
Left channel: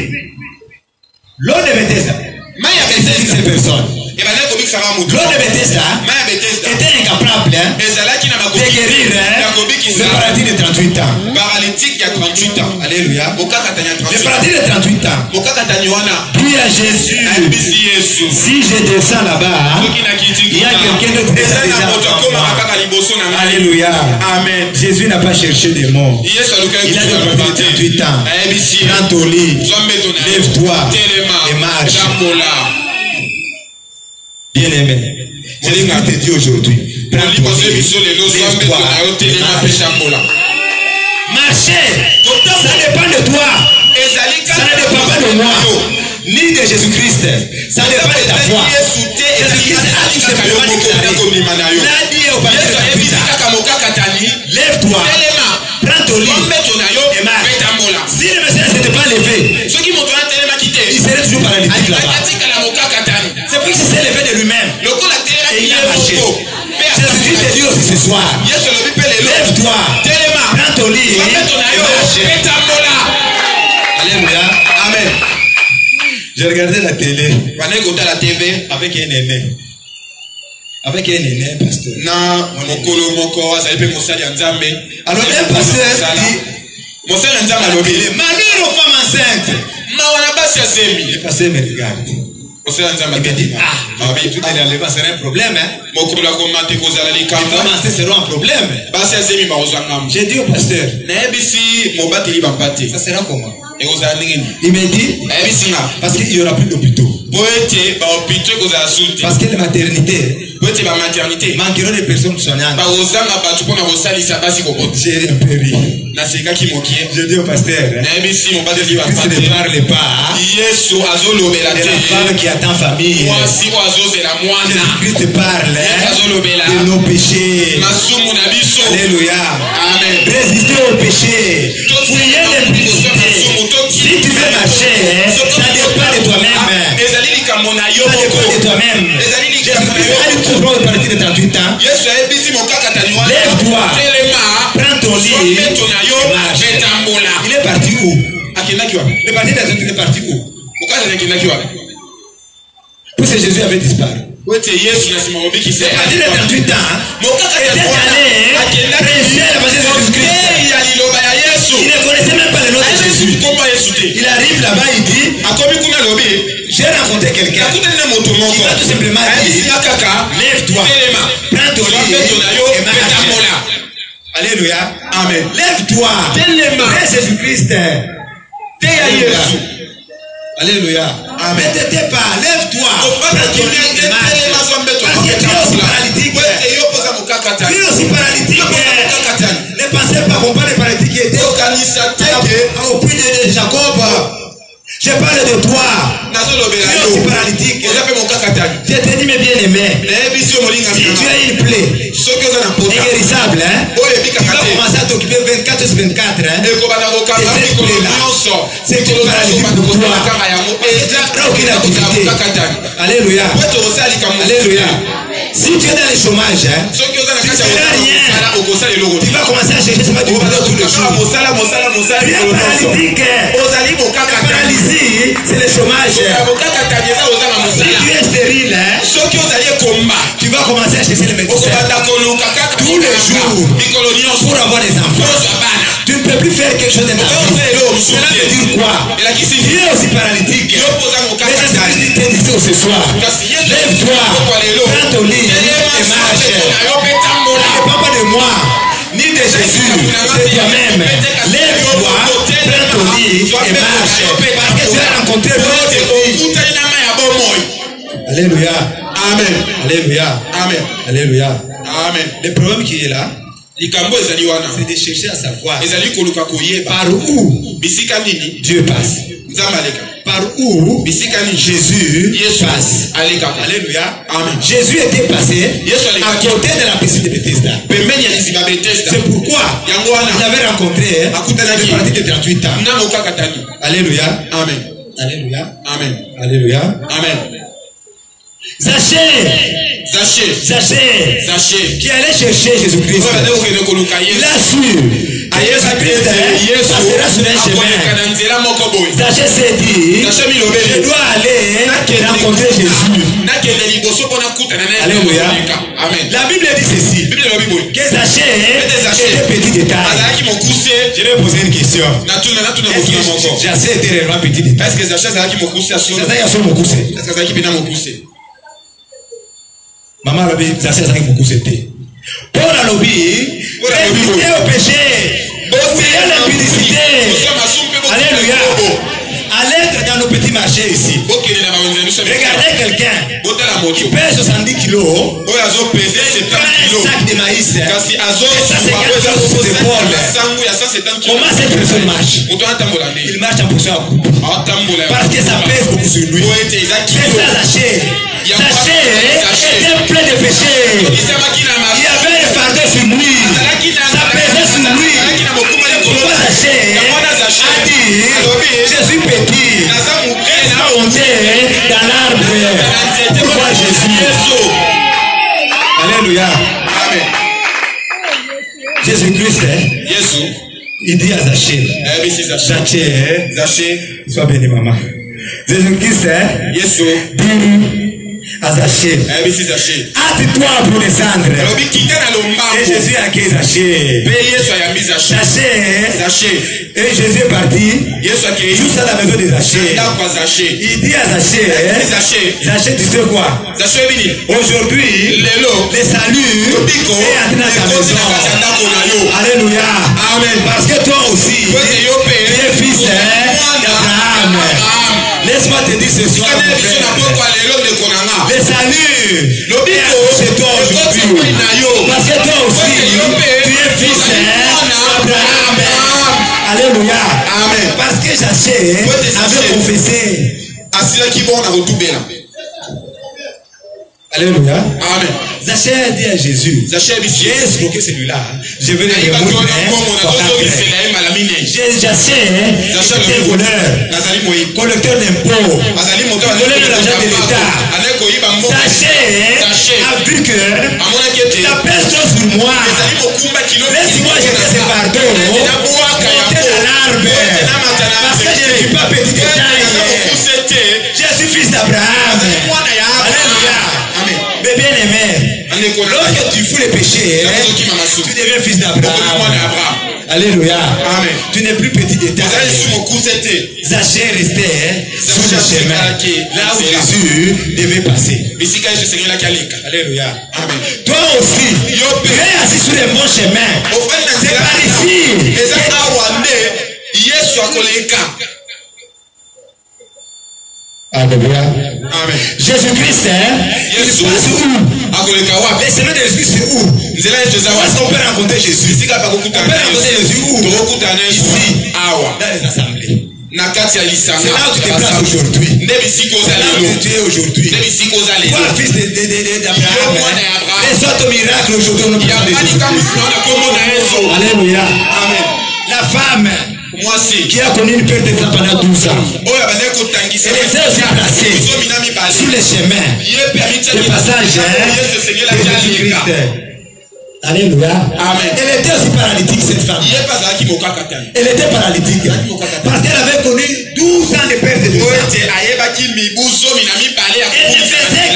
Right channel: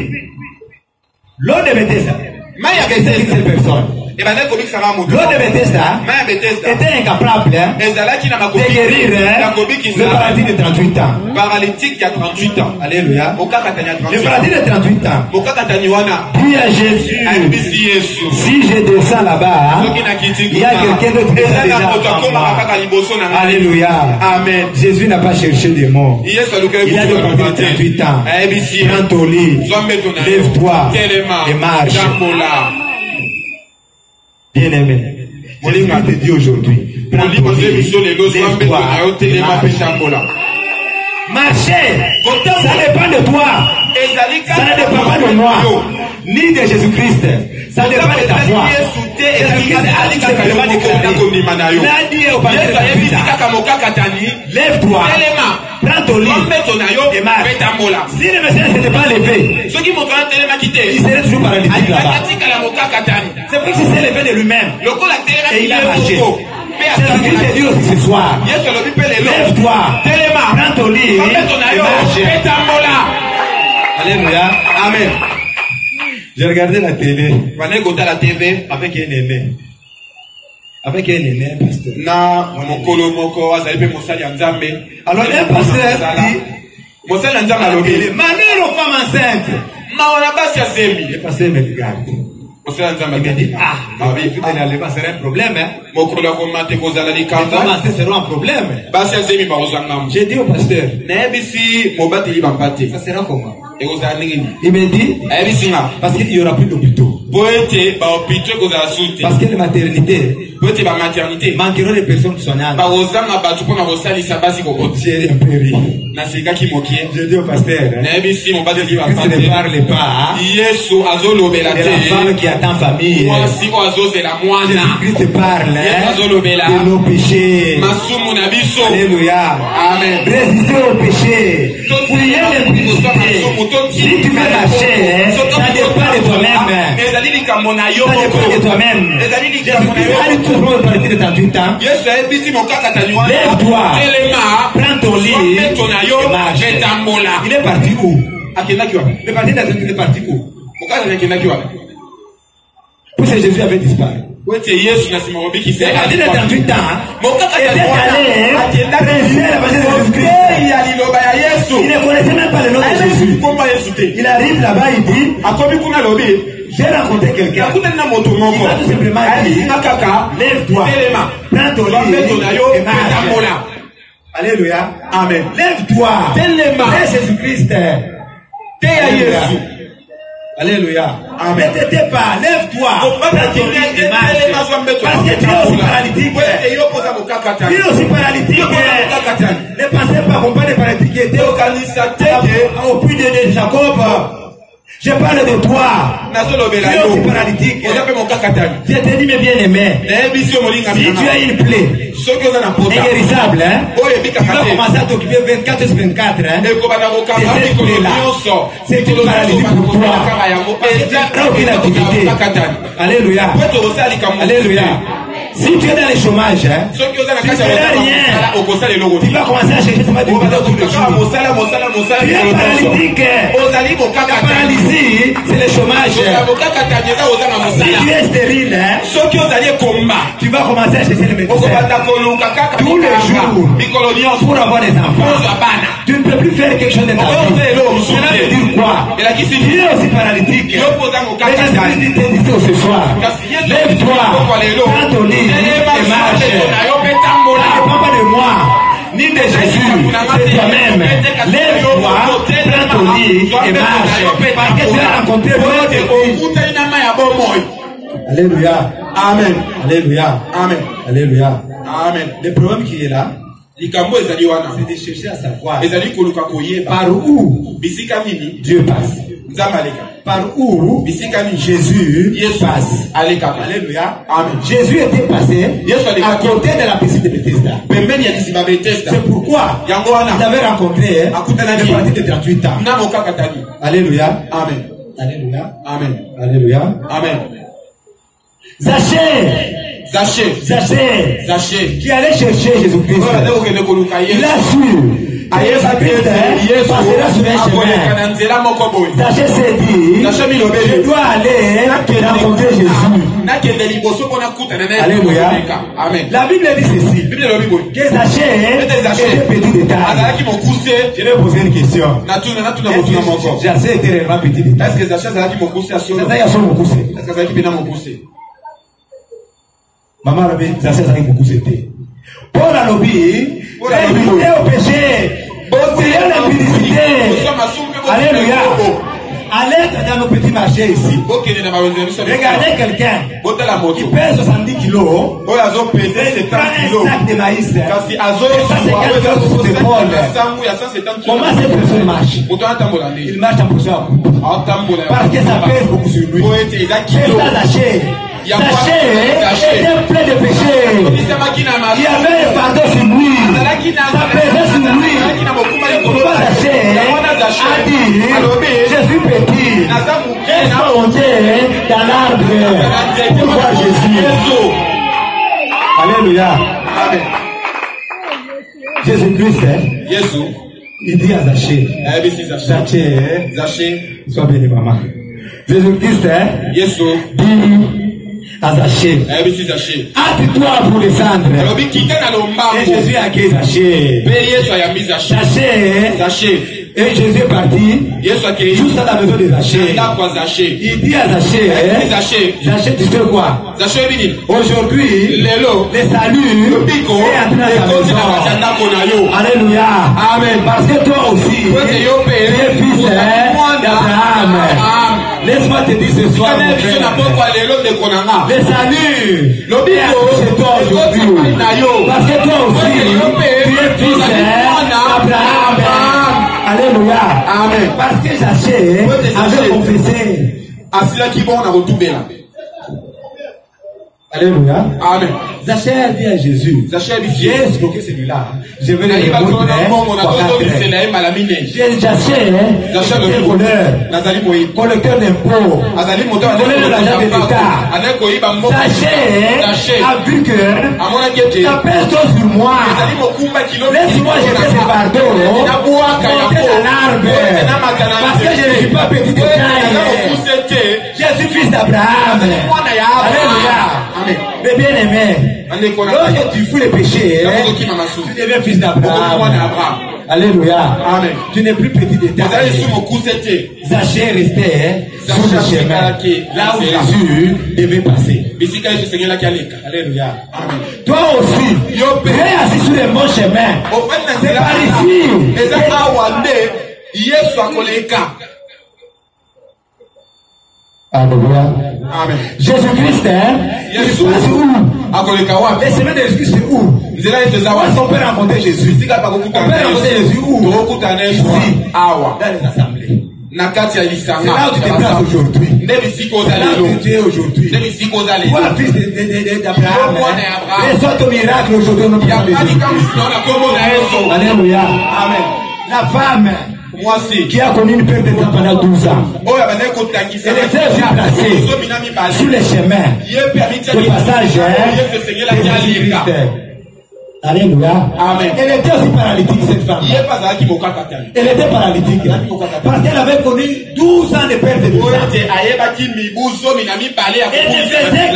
l'eau de Bethesda, c'est une seule personne. L'eau de Bethesda était incapable de guérir le paralytique de 38 ans. Paralytique a 38 ans. Alléluia. Le paralytique de 38 ans. Puis à Jésus, si je descends là-bas, il y a quelqu'un d'autre qui descend déjà. Alléluia. Amen. Jésus n'a pas cherché des mots. Il a de 38 ans. Prends ton lit, lève-toi et marche. Bien-aimé, Jésus-Christ te dit aujourd'hui, prends ton lit, lève-toi et marche. Marcher, ça dépend de toi. Ça ne dépend pas de moi, ni de Jésus-Christ. Ça dépend de ta foi. Jésus-Christ a tout simplement déclaré. Il a dit au pasteur lève-toi, prends ton lit et marche. Si le Messie ne s'était pas levé, il serait toujours paralytique là-bas. C'est pour qu'il s'est levé de lui-même et il a marché. Jésus-Christ te dit aussi ce soir, lève-toi, prends ton lit et marche. Alléluia. Amen. J'ai regardé la télé avec un aîné. Avec un aîné, pasteur. Alors un pasteur dit, malheur aux femmes enceintes. Le pasteur me regarde. Il me dit, tout énervement serait un problème. Les femmes enceintes seront un problème. J'ai dit au pasteur, ça sera comment? Il me dit, parce qu'il n'y aura plus d'hôpitaux. Parce que la maternité manqueront des personnes soignantes. J'ai un peu ri. Je dis au pasteur, Christ ne parle pas de la femme qui attend famille. Jésus-Christ parle de nos péchés. Alléluia. Amen. Résistez au péché. Fuyez les publicités. Si tu veux marcher, ça dépend de toi-même. Ça dépend de toi-même. Jésus-Christ a dit tout le monde partir de 38 ans. Lève-toi, prends ton lit et marche. Il est parti où? Le parti est parti où? Parce que Jésus avait disparu. Le parti de 38 ans était allé prêcher l'évangile de Jésus-Christ. Il ne connaissait même pas le nom de Jésus. Il arrive là-bas, il dit, j'ai rencontré quelqu'un qui va tout simplement dire, lève-toi, prends ton lit et marche. Alléluia. Amen. Lève-toi. Lève Jésus-Christ. Alléluia. Amen. Ne t'étais pas, lève-toi. Parce que tu es paralytique. Tu es aussi paralytique. Ne pensez pas qu'on parle de paralytique qui était au puits de Jacob. Je parle de toi. Tu es aussi paralytique. Je te dis, mes bien-aimés, si tu as une plaie inguérissable, tu vas commencer à t'occuper 24 sur 24 de cette plaie-là. C'est une paralysie pour toi. Tu n'as aucune activité. Alléluia. Alléluia. Si tu es dans le chômage, tu ne feras rien. Tu vas commencer à chercher ce que tu vas tous les jours. Tu es paralytique. La paralysie, c'est le chômage. Si tu es stérile, tu vas commencer à chercher le médecin tous les jours pour avoir des enfants. Tu ne peux plus faire quelque chose de ta vie. Cela veut dire quoi? Tu es aussi paralytique. Et je te dis ce soir, lève-toi, prends ton lit et marche. Ne parle pas de moi, ni de Jésus, c'est toi-même. Lève-toi, prends ton lit et marche. Parce que tu as rencontré l'autre vie. Alléluia. Amen. Alléluia. Amen. Alléluia. Amen. Le problème qui est là, c'est de chercher à savoir par où Dieu passe. Par où Jésus passe. Alléluia. Amen. Jésus était passé à côté de la piscine de Bethesda. C'est pourquoi il avait rencontré le paralytique de 38 ans. Alléluia. Amen. Alléluia. Amen. Alléluia. Amen. Zachée, qui allait chercher Jésus-Christ. Il a su Jésus-Christ passera sur un chemin. Zachée s'est dit, je dois aller rencontrer Jésus. Alléluia. La Bible dit ceci, que Zachée était petit de taille. Je vais poser une question. Zachée était réellement petit de taille. Maman Rabbi, ça c'est ça qui beaucoup c'était. Paul a lobby, résister au péché, fuir l'impudicité. Alléluia. Allez dans nos petits marchés ici. Regardez quelqu'un qui pèse 70 kilos, il prend un sac de maïs, et ça c'est quelque chose sur ses épaules. Comment cette personne marche? Il marche en poussant à coupe. Parce que ça pèse beaucoup sur lui. C'est ça Zachée. Zachée était plein de péchés. Il y avait un fardeau sur lui. Ça pesait sur lui. Pourquoi Zachée a dit, je suis petit, laisse-moi monter dans l'arbre pour voir Jésus. Alléluia. Amen. Jésus-Christ, il dit à Zachée, Zachée, sois béni maman. Jésus-Christ dit à Zachée, hâte-toi pour descendre. Et Jésus a accueilli Zachée. Et Jésus est parti juste à la maison de Zachée. Il dit à Zachée, tu sais quoi? Aujourd'hui, le salut est entré dans ta maison. Alléluia. Amen. Parce que toi aussi, tu es fils d'Abraham. Laisse-moi te dire ce soir, mon frère, le salut est chez toi aujourd'hui. Parce que toi aussi, tu es fils d'Abraham. Alléluia. Amen. Parce que Zachée avait confessé. Alléluia. Amen. Zachée a dit à Jésus, j'ai escroqué celui-là. Je vais le remonter. Zachée était voleur, collecteur d'impôts, voleur de l'argent de l'État. Zachée a vu que ça pèse trop sur moi. Laisse-moi jeter ce fardeau, monter dans l'arbre. Parce que je ne suis pas petit de taille. Je suis fils d'Abraham. Alléluia. Mais bien aimé, lorsque tu fous les péchés, tu deviens fils d'Abraham. Alléluia. Amen. Tu n'es plus petit de taille. Zachée restait sur le chemin, là où Jésus devait passer. Alléluia. Amen. Toi aussi, tu es assis sur le bon chemin. C'est par ici. Alléluia. Amen. Jésus-Christ, il se passe où? Les semaines de Jésus, c'est où? Parce qu'on peut rencontrer Jésus. On peut rencontrer Jésus où? Ici, dans les assemblées. C'est là où tu te places aujourd'hui. C'est là où tu es aujourd'hui. Toi, fils d'Abraham, les autres miracles aujourd'hui, on ne peut pas les Jésus. Alléluia. Amen. La femme qui a connu une perte de temps pendant 12 ans. Elle était aussi placée sur les chemins, le passage de Jésus-Christ. Alléluia. Amen. Elle était aussi paralytique, cette femme. Elle était paralytique parce qu'elle avait connu 12 ans de perte de sang. Elle ne faisait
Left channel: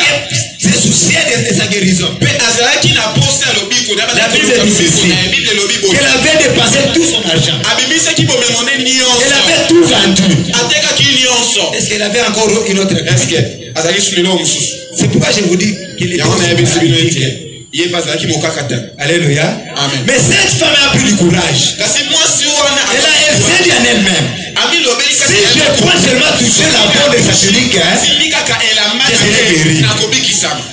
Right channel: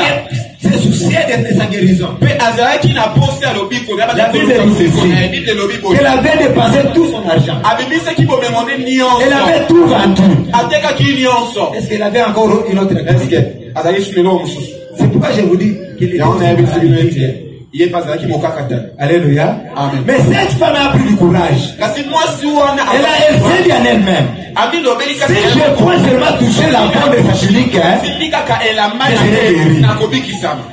que se soucier de sa guérison. La Bible dit ceci, qu'elle avait dépensé tout son argent. Elle avait tout vendu. Est-ce qu'elle avait encore une autre question? C'est pourquoi je vous dis qu'il est paralytique. Alléluia. Amen. Mais cette femme a pris du courage. Elle s'est dit en elle-même, si je peux seulement toucher la bande de sa tunique, je serai guéri.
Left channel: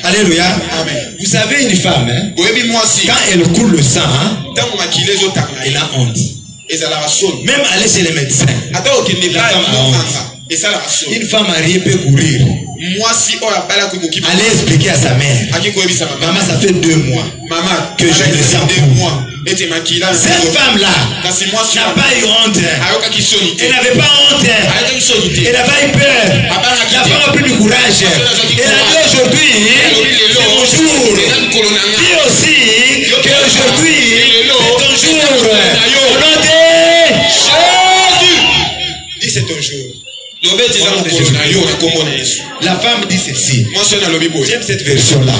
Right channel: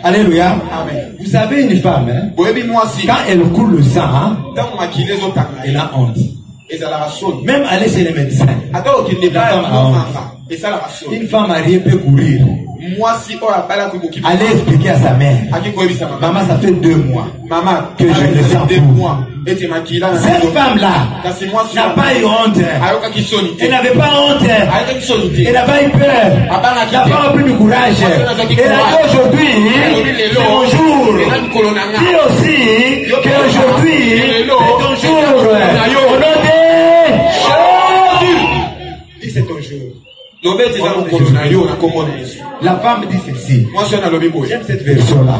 Alléluia. Amen. Vous savez, une femme, quand elle coule le sang, elle a honte. Même aller chez les médecins, la femme a honte. Une femme mariée peut courir. Allez expliquer à sa mère, maman, ça fait 2 mois que je le sens pour. Cette femme-là n'a pas eu honte. Elle n'avait pas honte. Elle avait eu peur. La femme a pris du courage. Elle a dit aujourd'hui, c'est mon jour. Dis aussi qu'aujourd'hui, c'est ton jour. Au nom de Jésus. Dis c'est ton jour. La femme dit ceci. J'aime cette version-là.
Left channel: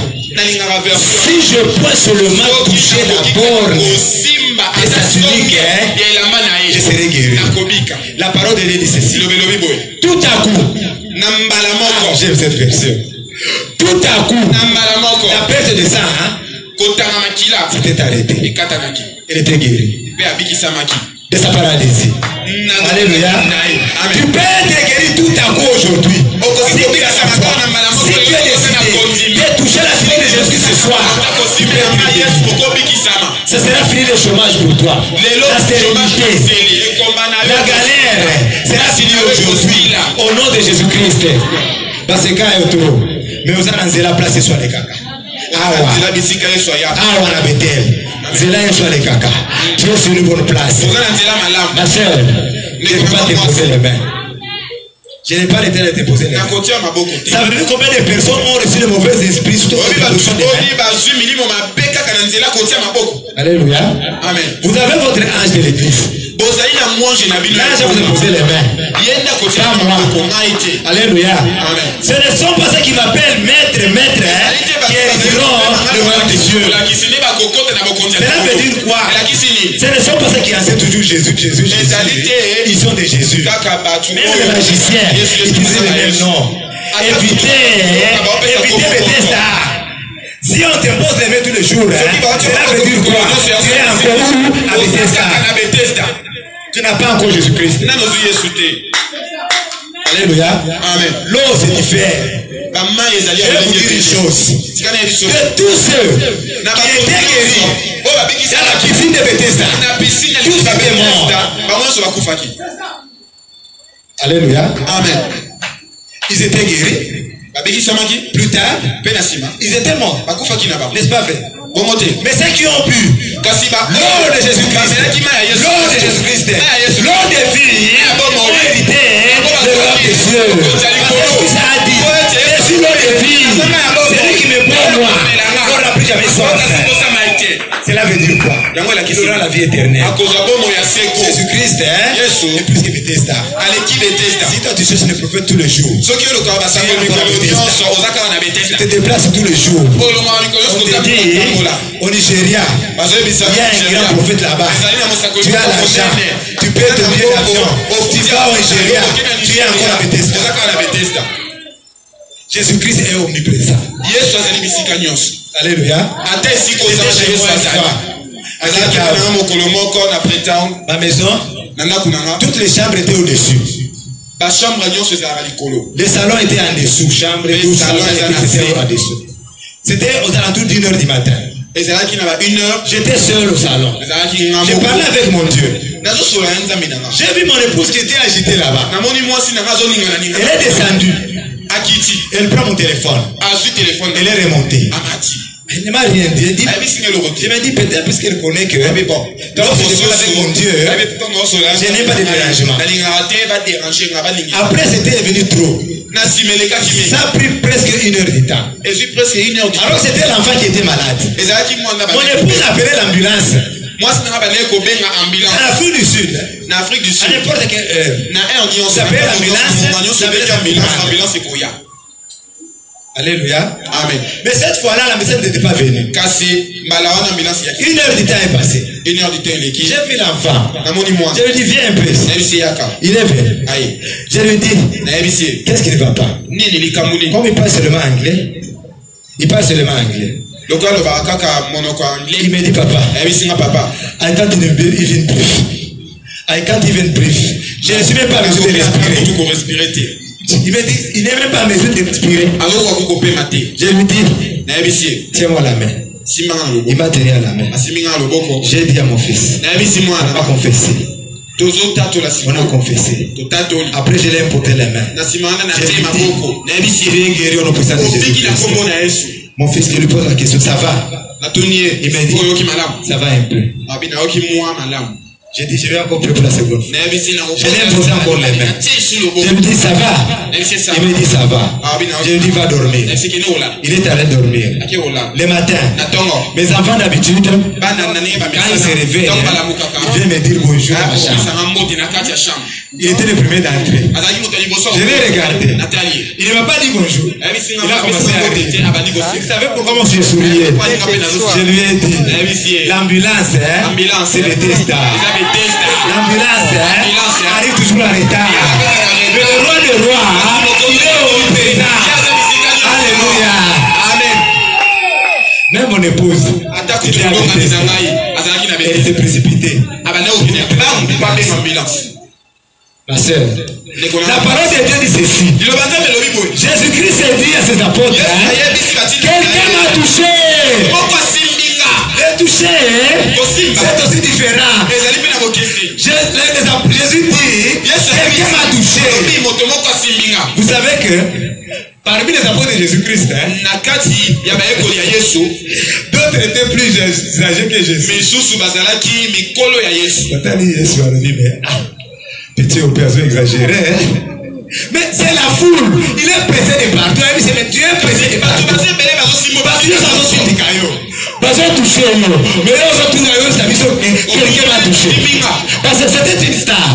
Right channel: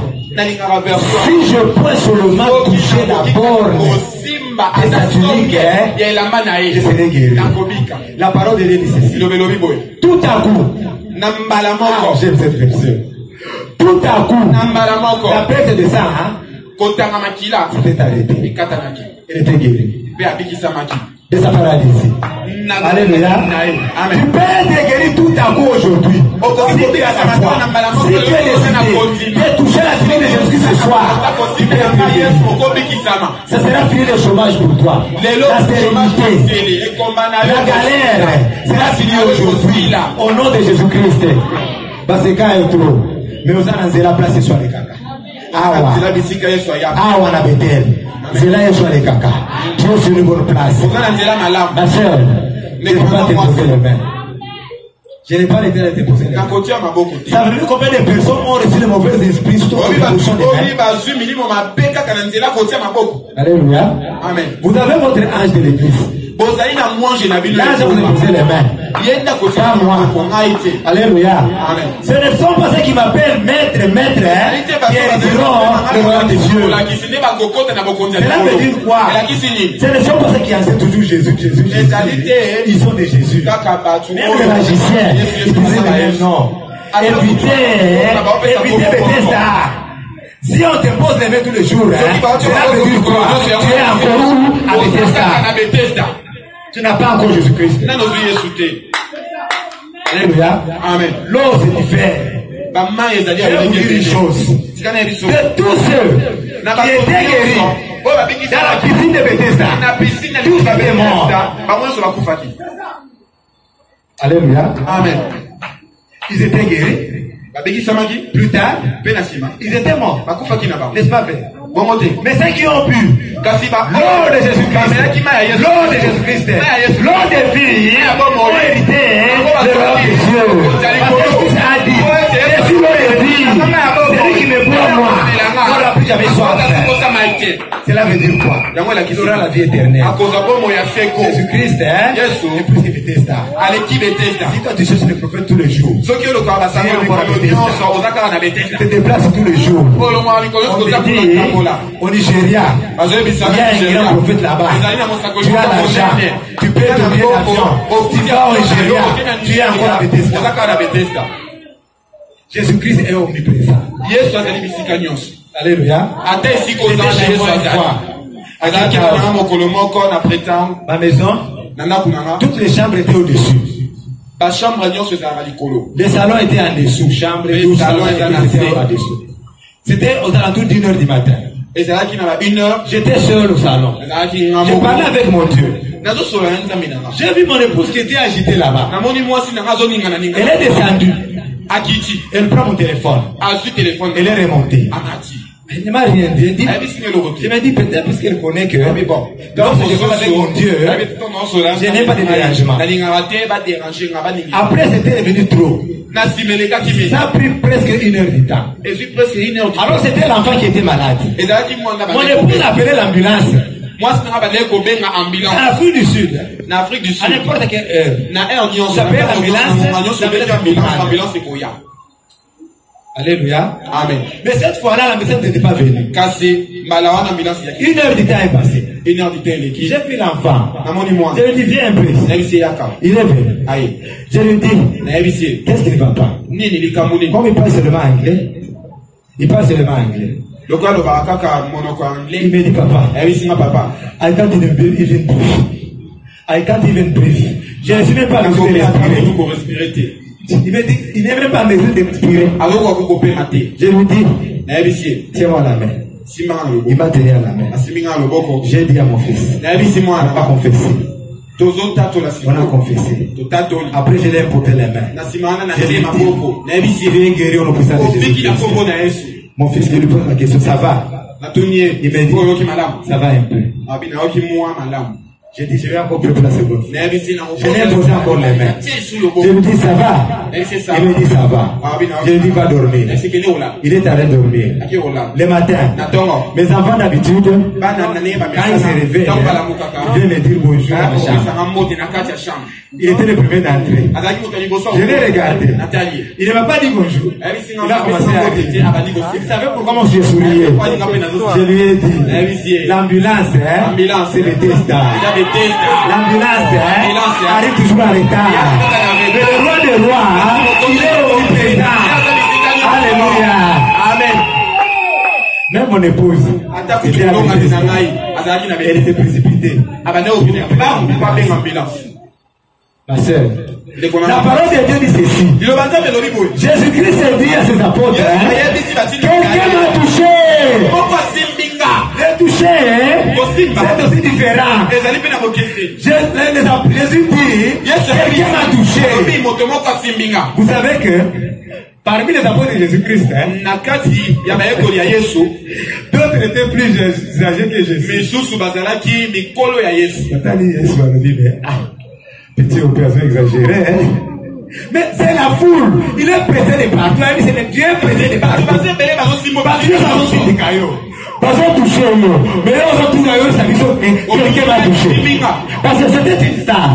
Si je peux seulement toucher la borne de sa tunique, je serai guéri. La parole de Dieu dit ceci. Tout à coup, j'aime cette version. Tout à coup, la perte de sang s'était arrêtée. Elle était guérie de sa paralysie. Alléluia. Tu peux être guéri tout à coup aujourd'hui. Si tu as la foi, si tu es décidé de toucher la tunique de Jésus ce soir, tu peux être guéri. Ce sera fini le chômage pour toi. La sérénité, la galère sera finie aujourd'hui au nom de Jésus-Christ. Parce que quand il y a trop, mais vous allez la place sur les caca. Awa na Bethel. Zela Yeshua les caca. Tu es sur une bonne place. Ma soeur, je ne peux pas te poser les mains. Je n'ai pas le temps de te poser les mains. Ça veut dire combien de personnes ont reçu le mauvais esprit sur toi? Alléluia. Amen. Vous avez votre ange de l'église. Là, je vous ai posé les mains. Pas moi. Alléluia. Amen. Ce ne sont pas ceux qui m'appellent maître, qui hériteront le royaume des cieux. Cela veut dire quoi? Ce ne sont pas ceux qui enseignent toujours Jésus. Ils sont des Jésus. Même les magiciens, ils disent le même nom. Évitez Bethesda. Si on te pose les mains tous les jours, cela veut dire quoi? Tu es encore où? À Bethesda. Tu n'as pas encore Jésus-Christ. Alléluia. Amen. L'eau, c'est différent. Je vais vous dire une chose. De tous ceux qui étaient guéris dans la piscine de Bethesda, tous étaient morts. Alléluia. Amen. Ils étaient guéris. Plus tard, ils étaient morts. N'est-ce pas vrai? Mais ceux qui ont pu, l'eau de Jésus-Christ, l'eau de vie, ont hérité le royaume des cieux. Parce que ça a dit, je suis l'eau de vie, celui qui me boit moi, n'aura plus jamais soif. Cela veut dire quoi? Il aura la vie éternelle. Jésus-Christ est plus que Bethesda. Si toi tu cherches le prophète tous les jours, tu te déplaces tous les jours. On te dit, au Nigeria, il y a un grand prophète là-bas. Tu as l'argent, tu payes ton billet d'avion, tu vas au Nigeria, tu es encore à Bethesda. Jésus-Christ est omniprésent. Alléluia. Ma maison, toutes les chambres étaient au-dessus. La chambre à se zara likolo. Le salon était en dessous, chambre, douche, salon était en dessous. C'était aux alentours d'1h du matin. Et c'est là qu'il y avait 1h. J'étais seul au salon. J'ai parlé avec mon Dieu. J'ai vu mon épouse qui était agitée là-bas. Elle est descendue. Elle prend mon téléphone. Elle est remontée. Elle ne m'a rien dit. Je me dis peut-être parce qu'elle connaît que bon, donc je parle avec mon Dieu. Je n'ai pas de dérangement. Après c'était devenu trop. Ça a pris presque 1h du temps. Alors c'était l'enfant qui était malade. Mon épouse a appelé l'ambulance. En Afrique du Sud. À n'importe quelle heure. Ça appelle l'ambulance. Alléluia. Amen. Mais cette fois-là, l'ambulance n'était pas venue. 1 heure du temps est passée. J'ai vu l'enfant. Je lui dis, viens un peu ici. Il est venu. Je lui dis, qu'est-ce qui ne va pas? Comme il parle seulement anglais, il me dit, papa, I can't even breathe. I can't even breathe. Je ne suis même pas besoin de respirer. Il me dit, il n'est même pas en mesure d'expirer. Je lui dis, tiens-moi la main. Il m'a tenu à la main. J'ai dit à mon fils, on va confesser. On a confessé. Après, je l'ai imposé les mains. Je lui dis, il est guéri au nom puissant de Jésus. Mon fils, je lui pose la question, ça va? Il me dit, ça va un peu. J'ai dit, je vais encore prier pour la seconde fois. Je l'ai imposé encore les mains. Je lui dis, ça va? Il me dit, ça va. Je lui dis, va dormir. Il est allé dormir. Le matin, mes enfants d'habitude, quand ils se réveillent, ils viennent me dire bonjour à ma chambre. Il était le premier d'entrée. Je l'ai regardé. Il ne m'a pas dit bonjour. Il a commencé à rire. Vous savez pourquoi moi je souriais? Je lui ai dit, l'ambulance, c'est le destin. L'ambulance arrive toujours en retard. Mais le roi des rois, il est omniprésent. Alléluia. Amen. Même mon épouse, elle était précipitée. Ma soeur, la parole de Dieu dit ceci. Jésus-Christ a dit à ses apôtres, quelqu'un m'a touché. Le toucher, c'est aussi différent. Jésus dit, quelqu'un m'a touché. Vous savez que parmi les apôtres de Jésus-Christ, d'autres étaient plus âgés que Jésus. Petit opération exagérée. Mais c'est la foule. Il est pressé de partout. C'est le Dieu pressé de partout. Parce que parce qu'on touché, mais là, on touche à quelqu'un m'a touché. Parce que c'était une star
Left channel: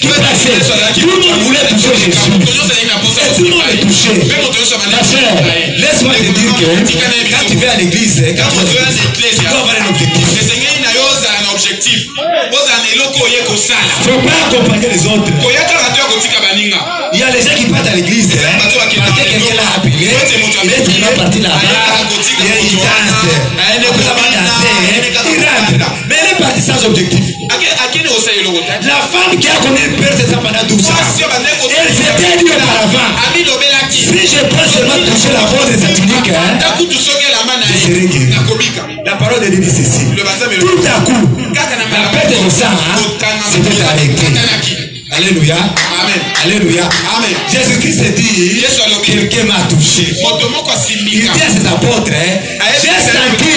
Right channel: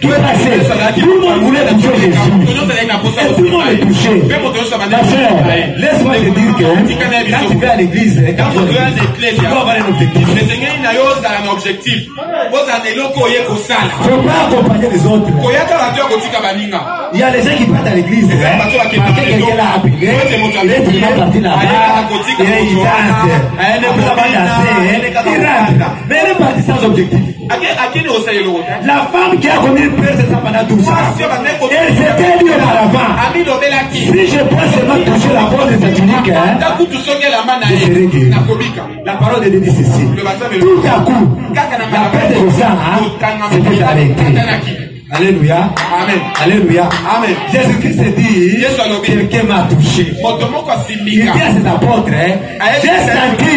qui passait. Tout le monde voulait toucher Jésus. Et tout le monde est touché. Ma soeur, laisse-moi te dire que quand tu vas à l'église, quand tu dois avoir un objectif. Il ne faut pas accompagner les autres. Il y a les gens qui partent à l'église. Parce que quelqu'un l'a appelé. Il est tellement parti là-bas. Il danse. Il rentre. Mais elle est partie sans objectif. La femme qui a connu le Père, c'est ça pendant 12 ans. Elle s'était dit auparavant, si je peux seulement toucher la voix de sa tunique, je serai guéri. La parole de Dieu dit ceci. Tout à coup, la perte de sang s'était arrêtée. Alléluia. Amen. Alléluia. Amen. Jésus-Christ dit, quelqu'un m'a touché. Il dit à ses apôtres, j'ai senti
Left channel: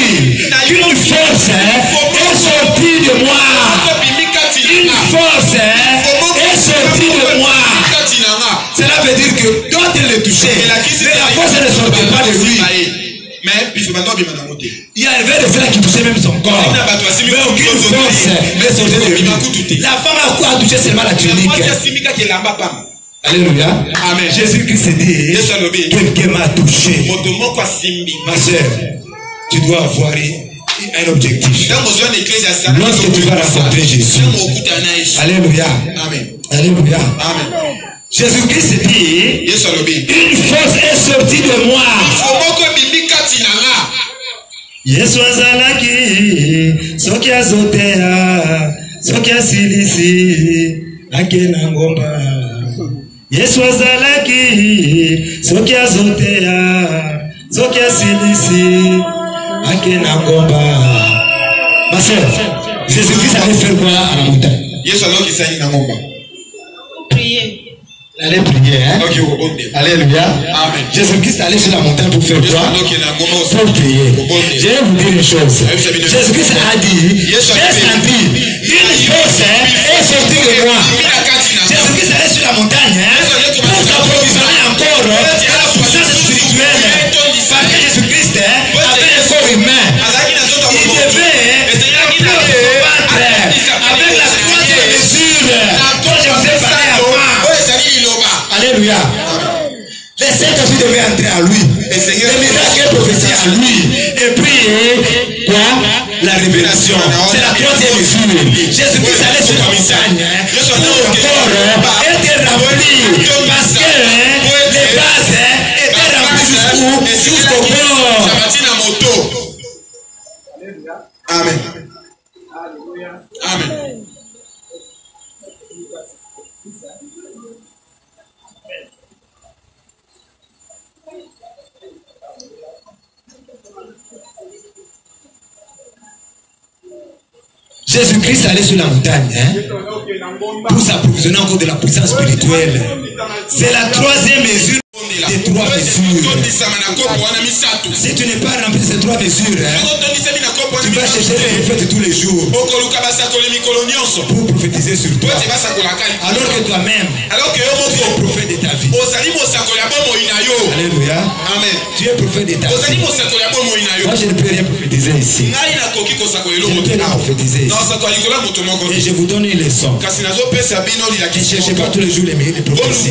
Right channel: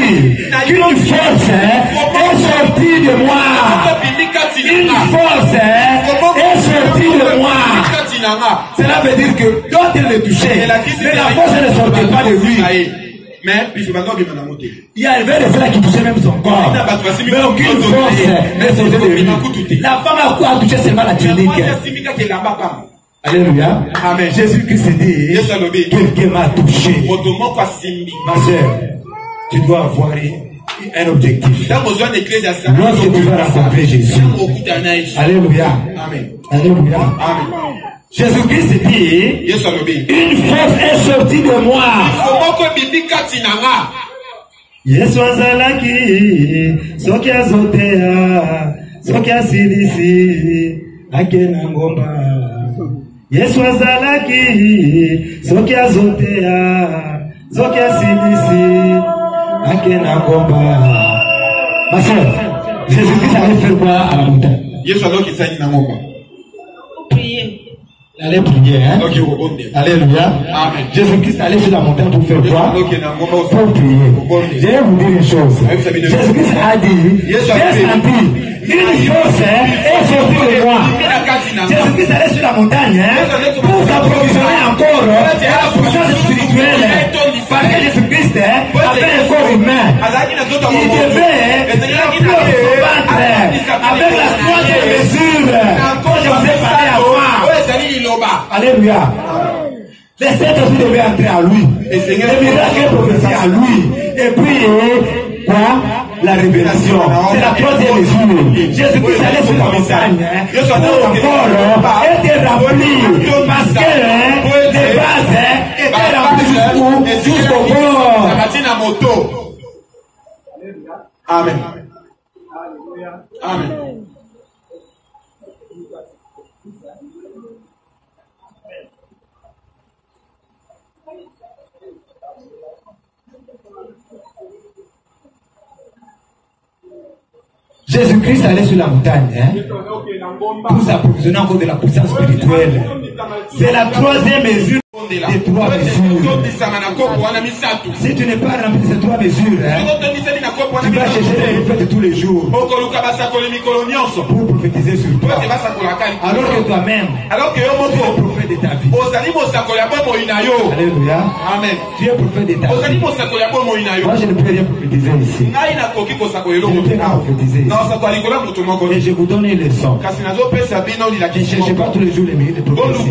qu'une force est sortie de moi. Une force est sortie de moi. Cela veut dire que d'autres le touchaient, mais la force ne sortait pas de lui. Il y avait de cela qui touchait même son corps. Mais aucune force ne sortait de lui. La femme a touché seulement la tunique. Alléluia. Amen. Jésus-Christ dit, quelqu'un m'a touché. Ma soeur, tu dois avoir un objectif. Lorsque tu vas rencontrer Jésus. Alléluia. Amen. Alléluia. Amen. Jésus-Christ dit, une force est sortie de moi. Yesu azalaki soki azotea soki asilisi akena ngomba Yesu azalaki soki azotea soki asilisi akena ngomba. Ma sœur, Jésus-Christ allait faire quoi à la montagne? Yesu aloki sani na ngomba. Prier. Allez prier, hein? Okay, Alléluia. Amen. Jésus-Christ allait sur la montagne pour faire quoi? Pour prier. Je vais vous dire une chose. Jésus-Christ a dit, j'ai senti une chose est sortie de moi. Jésus-Christ allait sur la montagne pour s'approvisionner encore de la puissance spirituelle. Parce que Jésus-Christ avait un corps humain. Il devait avec la troisième mesure dont je vous ai parlé avant. Alléluia. Les saints aussi devaient entrer à lui. Les miracles prophétiques à lui. Et puis, quoi? La révélation. C'est la troisième mesure. Jésus-Christ allait sur la montagne pour encore être rempli. Parce que les bases étaient remplies jusqu'au bord. Amen. Amen. Jésus-Christ allait sur la montagne pour s'approvisionner encore de la puissance spirituelle. C'est la troisième mesure des trois mesures. Si tu n'es pas rempli de ces trois mesures, tu vas chercher les fêtes tous les jours pour prophétiser sur toi. Alors que toi-même, tu es prophète de ta vie. Alléluia. Amen. Tu es prophète de ta vie. Moi, je ne peux rien prophétiser ici. Je ne peux pas prophétiser ici. Et je vous donne une leçon. Ne cherchez pas tous les jours les prophéties.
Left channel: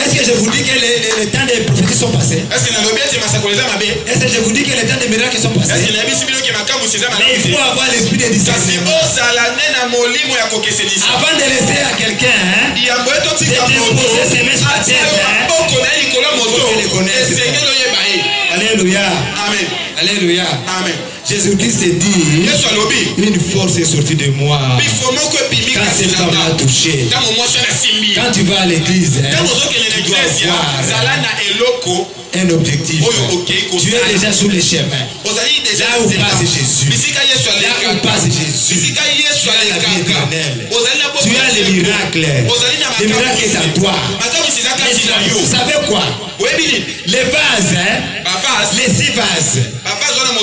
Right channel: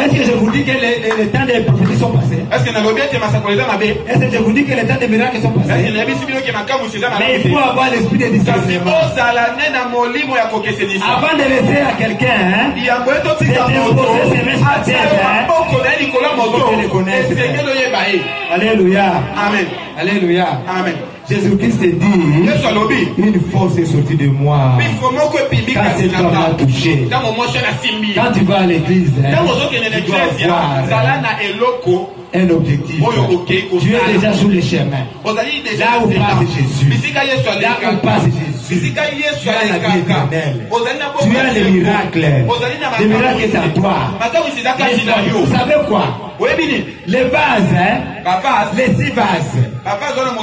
Est-ce que je vous dis que les temps des prophéties sont passés? Est-ce que je vous dis que les temps des miracles sont passés? Mais il faut avoir l'esprit de discernement. Avant de laisser à quelqu'un de déposer ses mains sur la terre, il faut les connaître. Alléluia. Amen. Alléluia. Amen. Jésus-Christ s'est dit, une force est sortie de moi. Quand cette femme m'a touché, quand tu vas à l'église, tu dois avoir un objectif. Tu es déjà sur le chemin. Là où passe Jésus. Là où passe Jésus. Tu as la vie éternelle. Tu as les miracles. Les miracles est à toi. Vous savez quoi? Les vases, les 6 vases,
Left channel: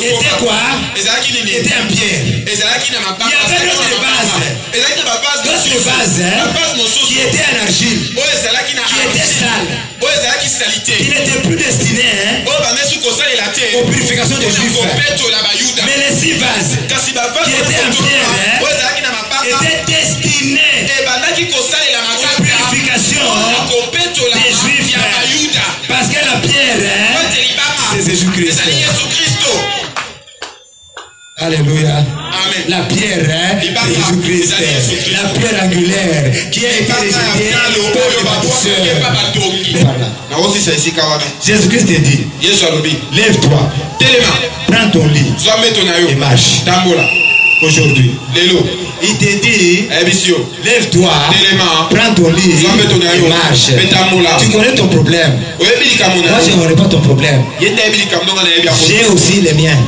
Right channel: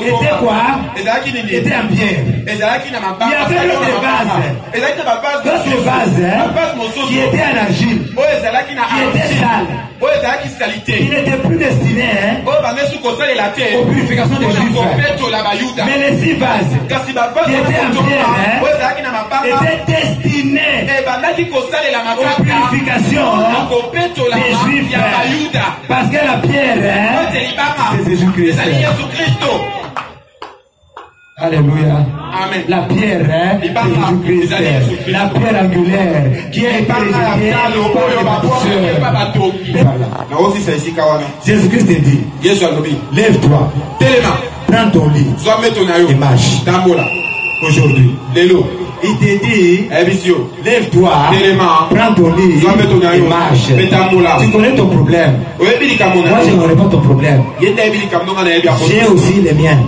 étaient quoi? Étaient en pierre. Il y avait d'autres vases qui étaient en argile, qui étaient sales, qui n'étaient plus destinés aux purifications des Juifs. Mais les 6 vases qui étaient en pierre étaient destinés aux purifications des Juifs. Parce que la pierre, c'est Jésus-Christ. Alléluia. Amen. La pierre, c'est Jésus-Christ. La pierre angulaire qui a été rejetée par les bâtisseurs. Jésus-Christ te dit, lève-toi, prends ton lit et marche. Aujourd'hui, il te dit, lève-toi, prends ton lit et marche. Tu connais ton problème. Moi, je ne connais pas ton problème. J'ai aussi les miens.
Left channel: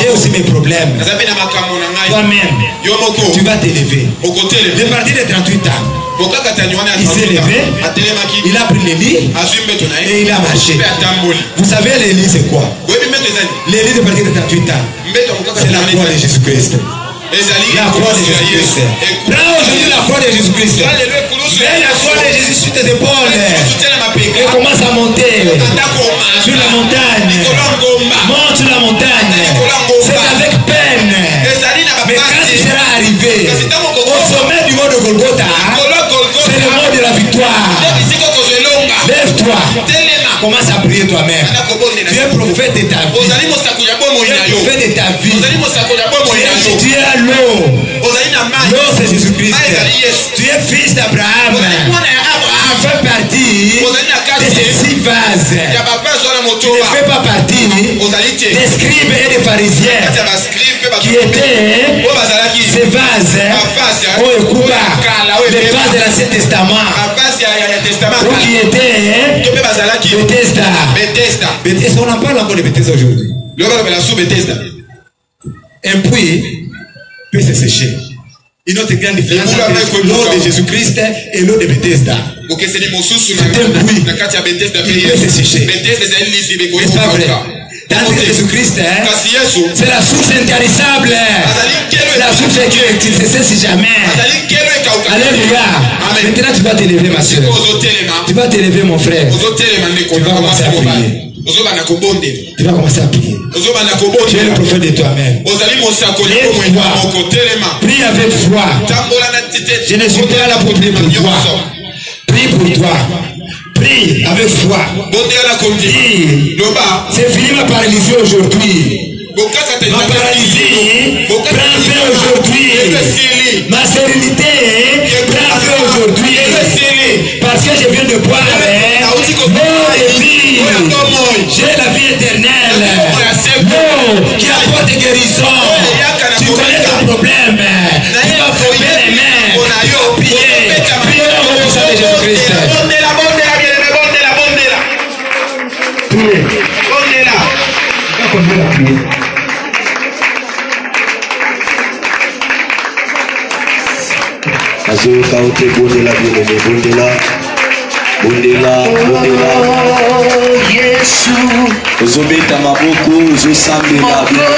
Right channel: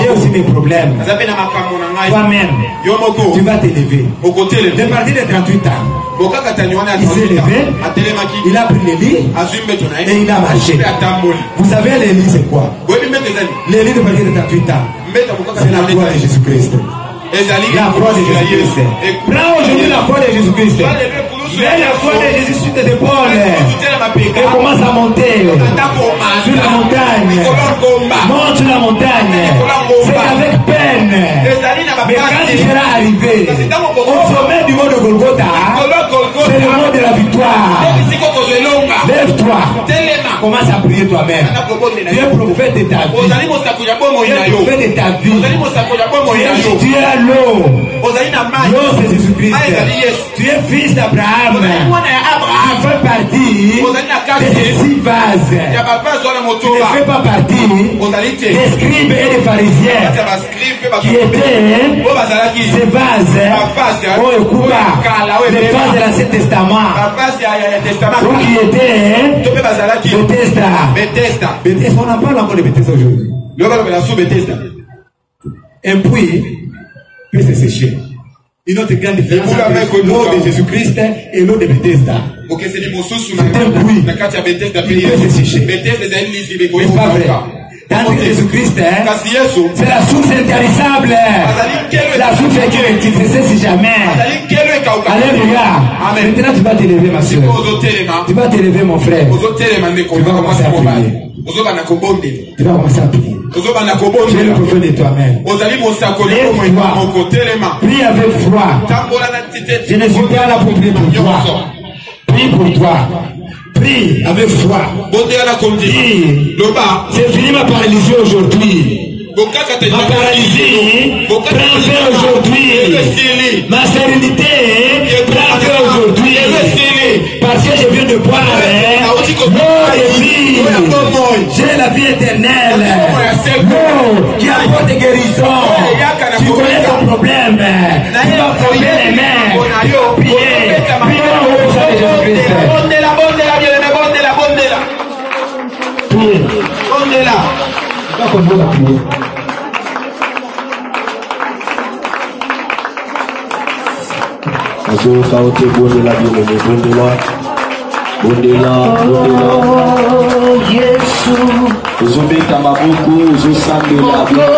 J'ai aussi mes problèmes. Toi-même, tu vas t'élever. Le parti de 38 ans, il s'est levé, il a pris les lits et il a marché. Vous savez, les lits, c'est quoi? Les lits de parti de 38 ans, c'est la croix de Jésus-Christ. La croix de Jésus-Christ. Prends aujourd'hui la croix de Jésus-Christ. Mets la croix de Jésus sur tes épaules. Et commence à monter sur la montagne. Monte sur la montagne. C'est avec peine. Mais quand tu seras arrivé au sommet du mont de Golgotha, c'est le mont de la victoire. Lève-toi. Commence à prier toi-même. Tu es prophète de ta vie. Tu es prophète de ta vie. Tu es à l'eau. L'eau, c'est Jésus-Christ. Tu es fils d'Abraham. en fait partie de ces 6 vases. Il y a pas besoin de Ne moto. fait pas partie des scribes et des pharisiens qui étaient ces vases. Oh, écoute, les vases de l'Ancien Testament. Ou qui étaient Bethesda. Bethesda, on en parle encore de Bethesda aujourd'hui. Et puis, peut se sécher. Une autre grande différence entre l'eau de Jésus-Christ et l'eau de Bethesda. C'est un puits. Il peut se sécher. N'est-ce pas vrai? Dans Jésus-Christ, c'est la source intarissable. La source qui ne se cesse jamais. Alléluia. Maintenant, tu vas t'élever, ma soeur. Tu vas t'élever, mon frère. Tu vas commencer à prier. Tu vas commencer à prier. Tu es le prophète de toi-même. Prie avec foi. Je ne suis pas là pour prier pour toi. Prie pour toi. Prie avec foi. Prie. C'est fini ma paralysie aujourd'hui. Ma paralysie prend fin aujourd'hui. Ma sérénité prend fin aujourd'hui. Parce que je viens de boire l'eau de vie. J'ai la vie éternelle. L'eau qui apporte guérison. Tu connais ton problème. Tu vas frapper les mains. Tu vas prier. Prions au nom de Jésus-Christ. Priez. Tu vas continuer à prier. Azoka ote bondela bien-aimé, bondela. Yesu ozobeta maboko ozosambela bien.